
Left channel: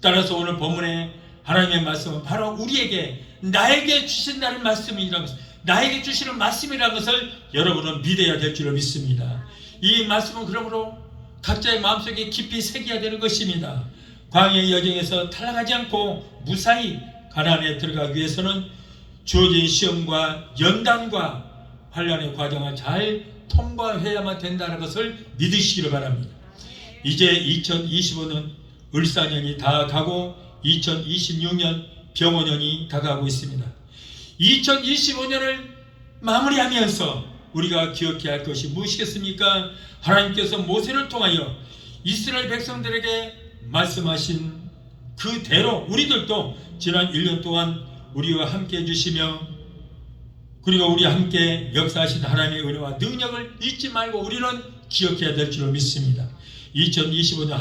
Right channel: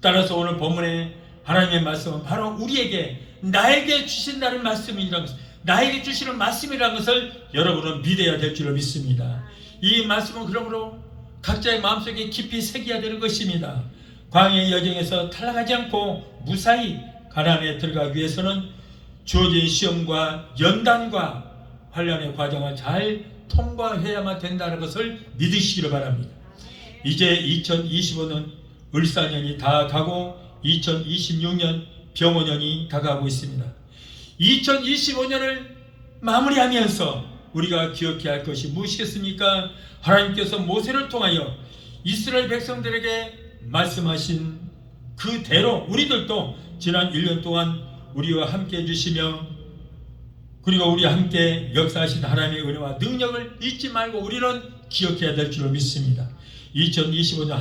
따라서 오늘 본문의 하나님의 말씀은 바로 우리에게 나에게 주신다는 말씀이라는 것을, 나에게 주시는 말씀이라는 것을 여러분은 믿어야 될 줄로 믿습니다. 이 말씀은 그러므로 각자의 마음속에 깊이 새겨야 되는 것입니다. 광야의 여정에서 탈락하지 않고 무사히 가나안에 들어가기 위해서는 주어진 시험과 연단과 환난의 과정을 잘 통과해야만 된다는 것을 믿으시기를 바랍니다. 이제 2025년 을사년이 다 가고 2026년 병원년이 다가오고 있습니다. 2025년을 마무리하면서 우리가 기억해야 할 것이 무엇이겠습니까? 하나님께서 모세를 통하여 이스라엘 백성들에게 말씀하신 그대로 우리들도 지난 1년 동안 우리와 함께 해주시며 그리고 우리와 함께 역사하신 하나님의 은혜와 능력을 잊지 말고 우리는 기억해야 될 줄로 믿습니다. 2025년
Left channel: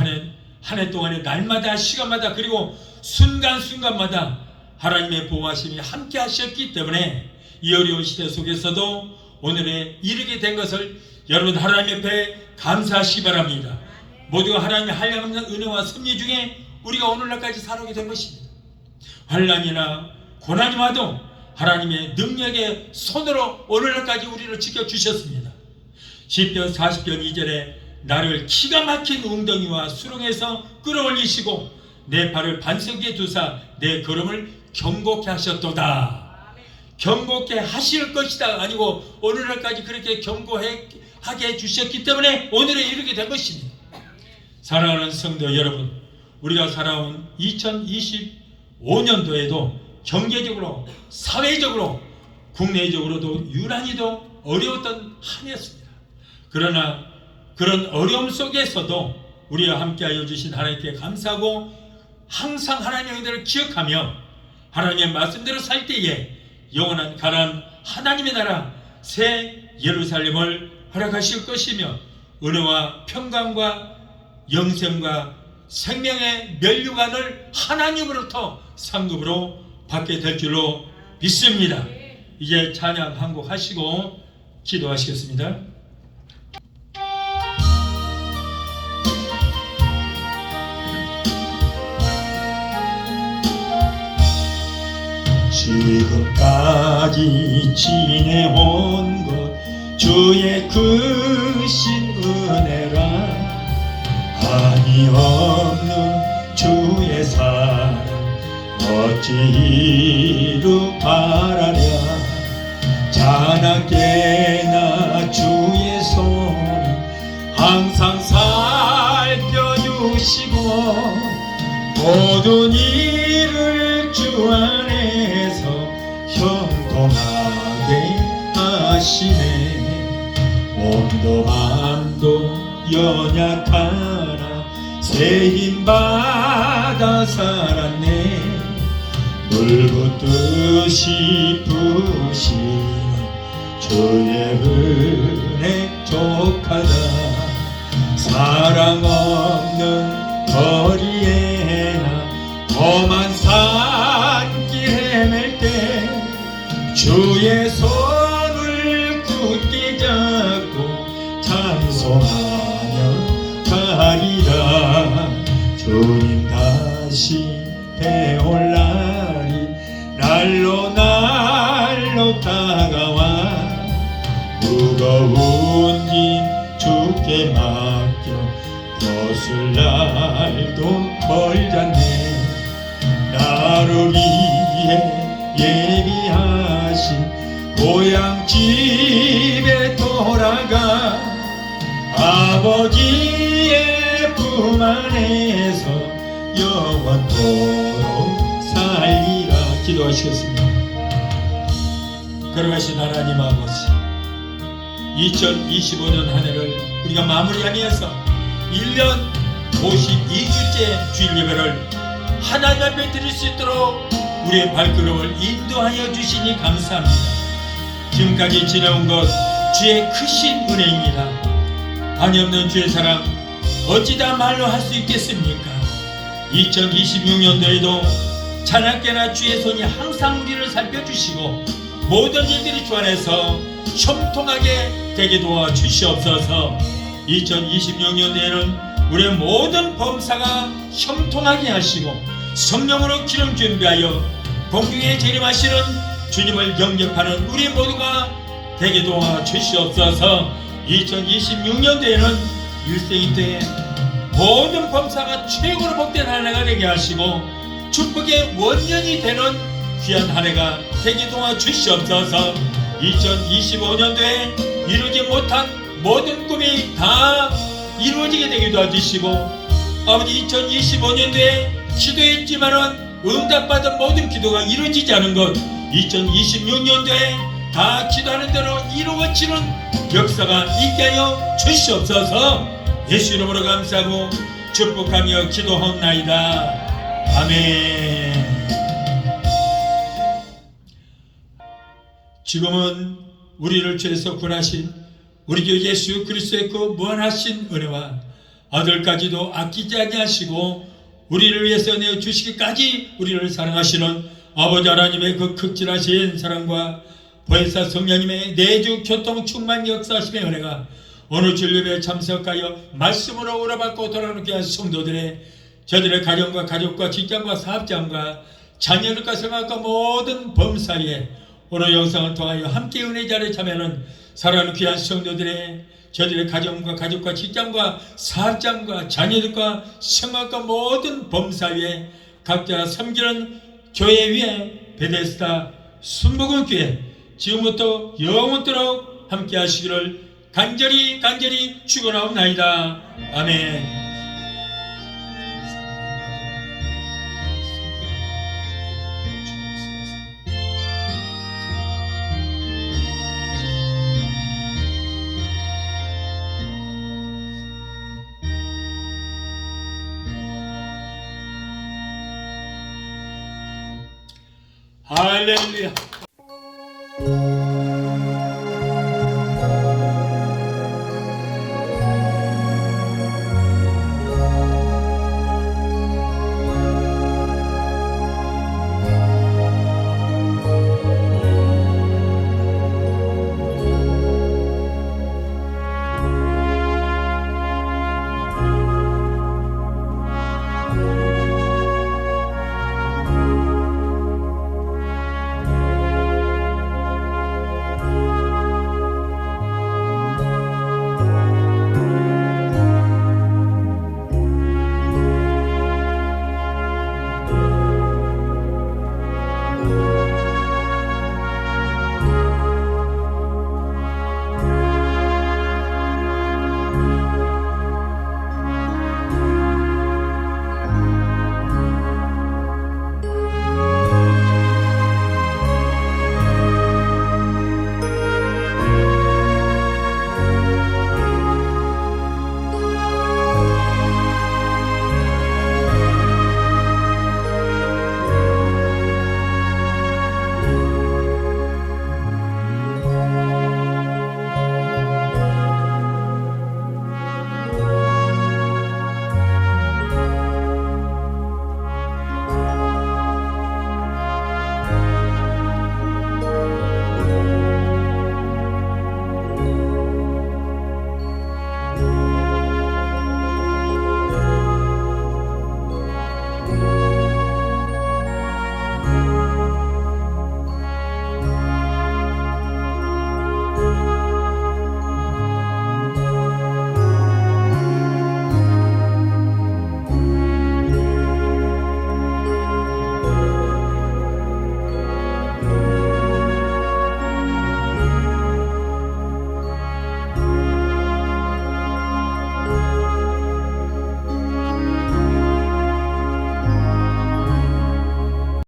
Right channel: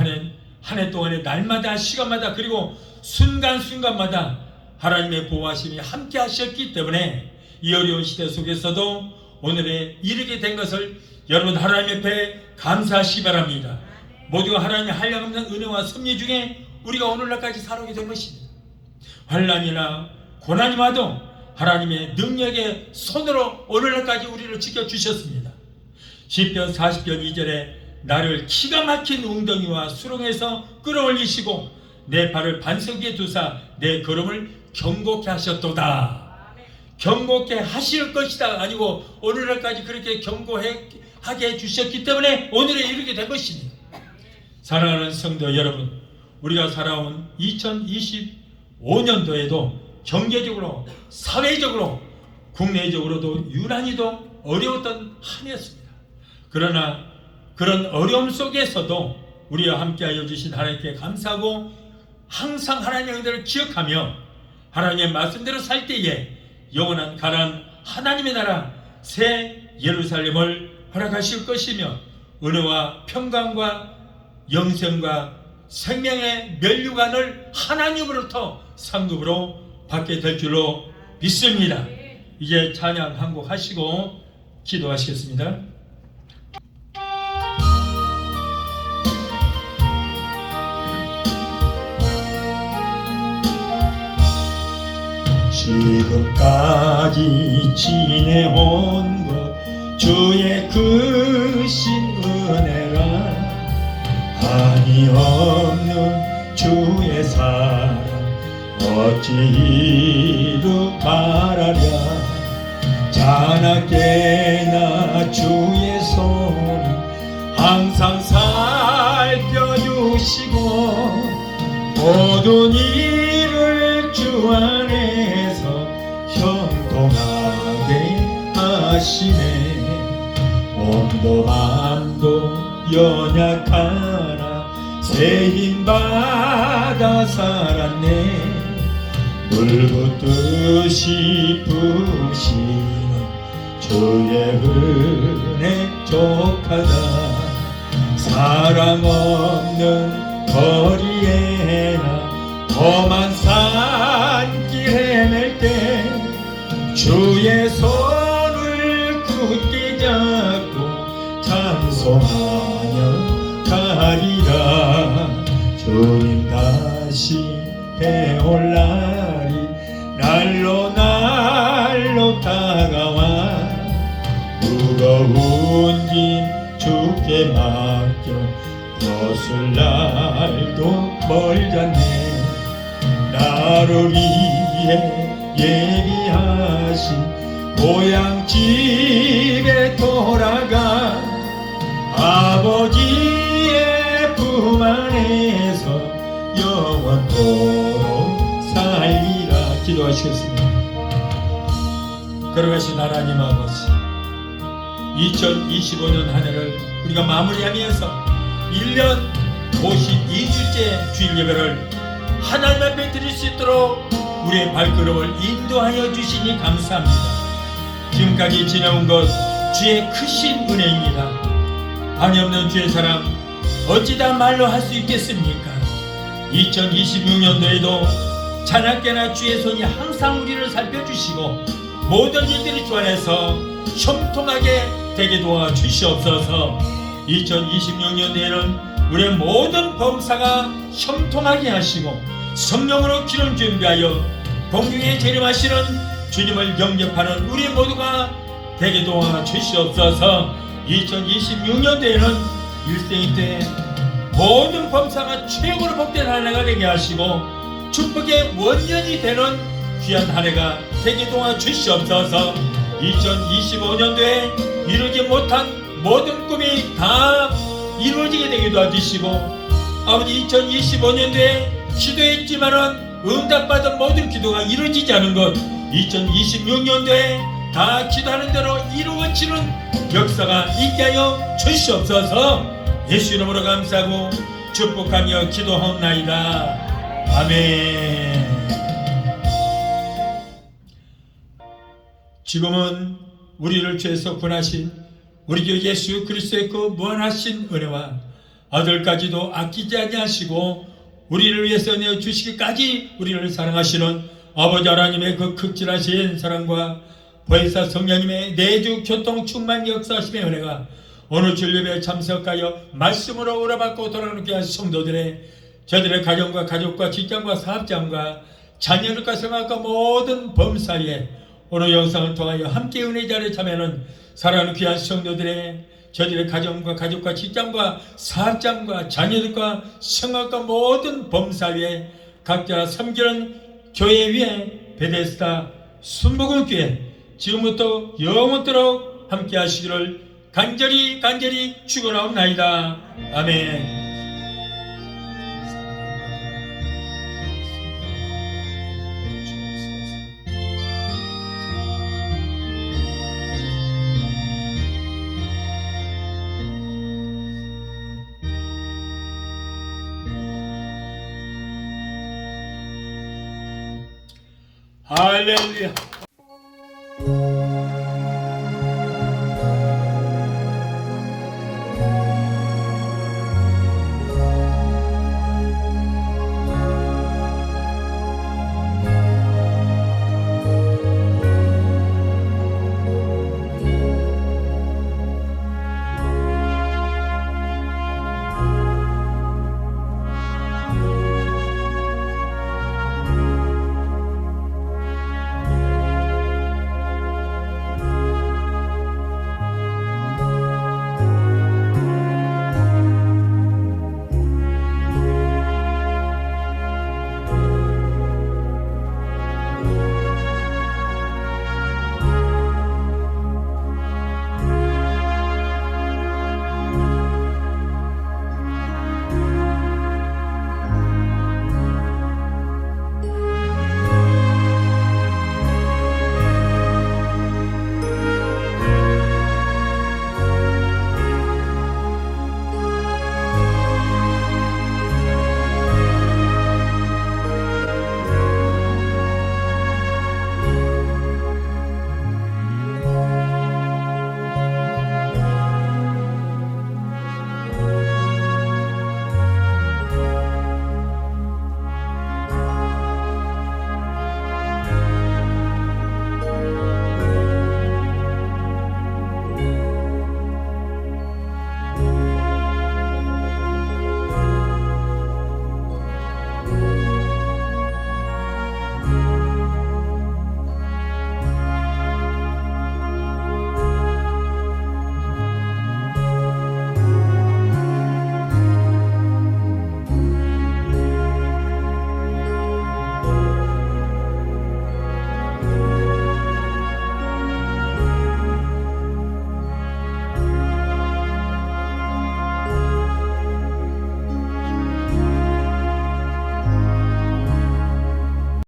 한 해 동안의 날마다 시간마다 그리고 순간순간마다 하나님의 보호하심이 함께 하셨기 때문에 이 어려운 시대 속에서도 오늘에 이르게 된 것을 여러분 하나님 앞에 감사하시기 바랍니다. 모두가 하나님의 한량없는 은혜와 섭리 중에 우리가 오늘날까지 살아오게 된 것입니다. 환난이나 고난이 와도 하나님의 능력의 손으로 오늘날까지 우리를 지켜주셨습니다. 시편 40편 2절에 나를 기가 막힌 웅덩이와 수렁에서 끌어올리시고 내 발을 반석 위에 두사 내 걸음을 경고케 하셨도다. 경고케 하실 것이다 아니고 오늘날까지 그렇게 경고하게 해주셨기 때문에 오늘에 이르게 된 것입니다. 사랑하는 성도 여러분, 우리가 살아온 2025년도에도 경제적으로 사회적으로 국내적으로도 유난히도 어려웠던 한 해였습니다. 그러나 그런 어려움 속에서도 우리와 함께하여 주신 하나님께 감사하고 항상 하나님의 은혜를 기억하며 하나님의 말씀대로 살 때에 영원한 가나안 하나님의 나라 새 예루살렘을 허락하실 것이며 은혜와 평강과 영생과 생명의 면류관을 하나님으로부터 상급으로 받게 될 줄로 믿습니다. 이제 찬양 한 곡 하시고 기도하시겠습니다. 지금까지 지내온 것 주의 크신 은혜라 한이 없는 주의 사랑 어찌 이루 바라랴 자나깨나 주의 손 항상 살펴주시고 모든 일을 주 주 안에서 형통하게 하시네. 몸도 마음도 연약하나 새 힘 받아 살았네. 물 붓듯이 부시는 주의 은혜 족하다. 사랑 없는 거리에나 험한 산길 헤맬 때 주의 손을 굳게 잡고 찬송하며 가리라. 주님 다시 배올 날이 날로 날로 다가와. 무거운 짐 주께 맡겨 벗을 날도 멀잖네. 나를 위해 예비하신 고향 집에 돌아가 아버지의 품 안에서 영원토록 살리라. 기도하시겠습니다. 걸어가신 하나님 아버지, 2025년 한 해를 우리가 마무리하면서 1년 52주째 주일 예배를 하나님 앞에 드릴 수 있도록 우리의 발걸음을 인도하여 주시니 감사합니다. 지금까지 지나온 것 주의 크신 은혜입니다. 한이 없는 주의 사람 어찌다 말로 할 수 있겠습니까? 2026년도에도 찬양께나 주의 손이 항상 우리를 살펴주시고 모든 일들이 주 안에서 형통하게 되게 도와주시옵소서. 2026년도에는 우리의 모든 범사가 형통하게 하시고 성령으로 기름 준비하여 공중에 재림하시는 주님을 영접하는 우리 모두가 되게 도와주시옵소서. 2026년도에는 일생인데 모든 범사가 최고로 복된 한 해가 되게 하시고 축복의 원년이 되는 귀한 한 해가 되게 도와주시옵소서. 2025년도에 이루지 못한 모든 꿈이 다 이루어지게 되게 도와주시고 아버지 2025년도에 기도했지만은 응답받은 모든 기도가 이루어지지 않은 것 2026년도에 다 기도하는 대로 이루어지는 역사가 있게 하여 주시옵소서. 예수 이름으로 감사하고 축복하며 기도하옵나이다. 아멘. 지금은 우리를 죄에서 구원하신 우리 주 예수 그리스도의 그 무한하신 은혜와 아들까지도 아끼지 아니하시고 우리를 위해서 내어주시기까지 우리를 사랑하시는 아버지 하나님의 그 극진하신 사랑과 보혜사 성령님의 내주 교통 충만 역사하심의 은혜가 오늘 주일예배에 참석하여 말씀으로 오라받고 돌아가게 한 성도들의 저들의 가정과 가족과 직장과 사업장과 자녀들과 생각과 모든 범사에 오늘 영상을 통하여 함께 은혜 자리에 참여하는 사랑하는 귀한 성도들의 저들의 가정과 가족과 직장과 사업장과 자녀들과 생각과 모든 범사에 각자 섬기는 교회 위에 베데스다 순복음교회 지금부터 영원토록 함께 하시기를 간절히 축원하옵나이다. 아멘. 할렐루야.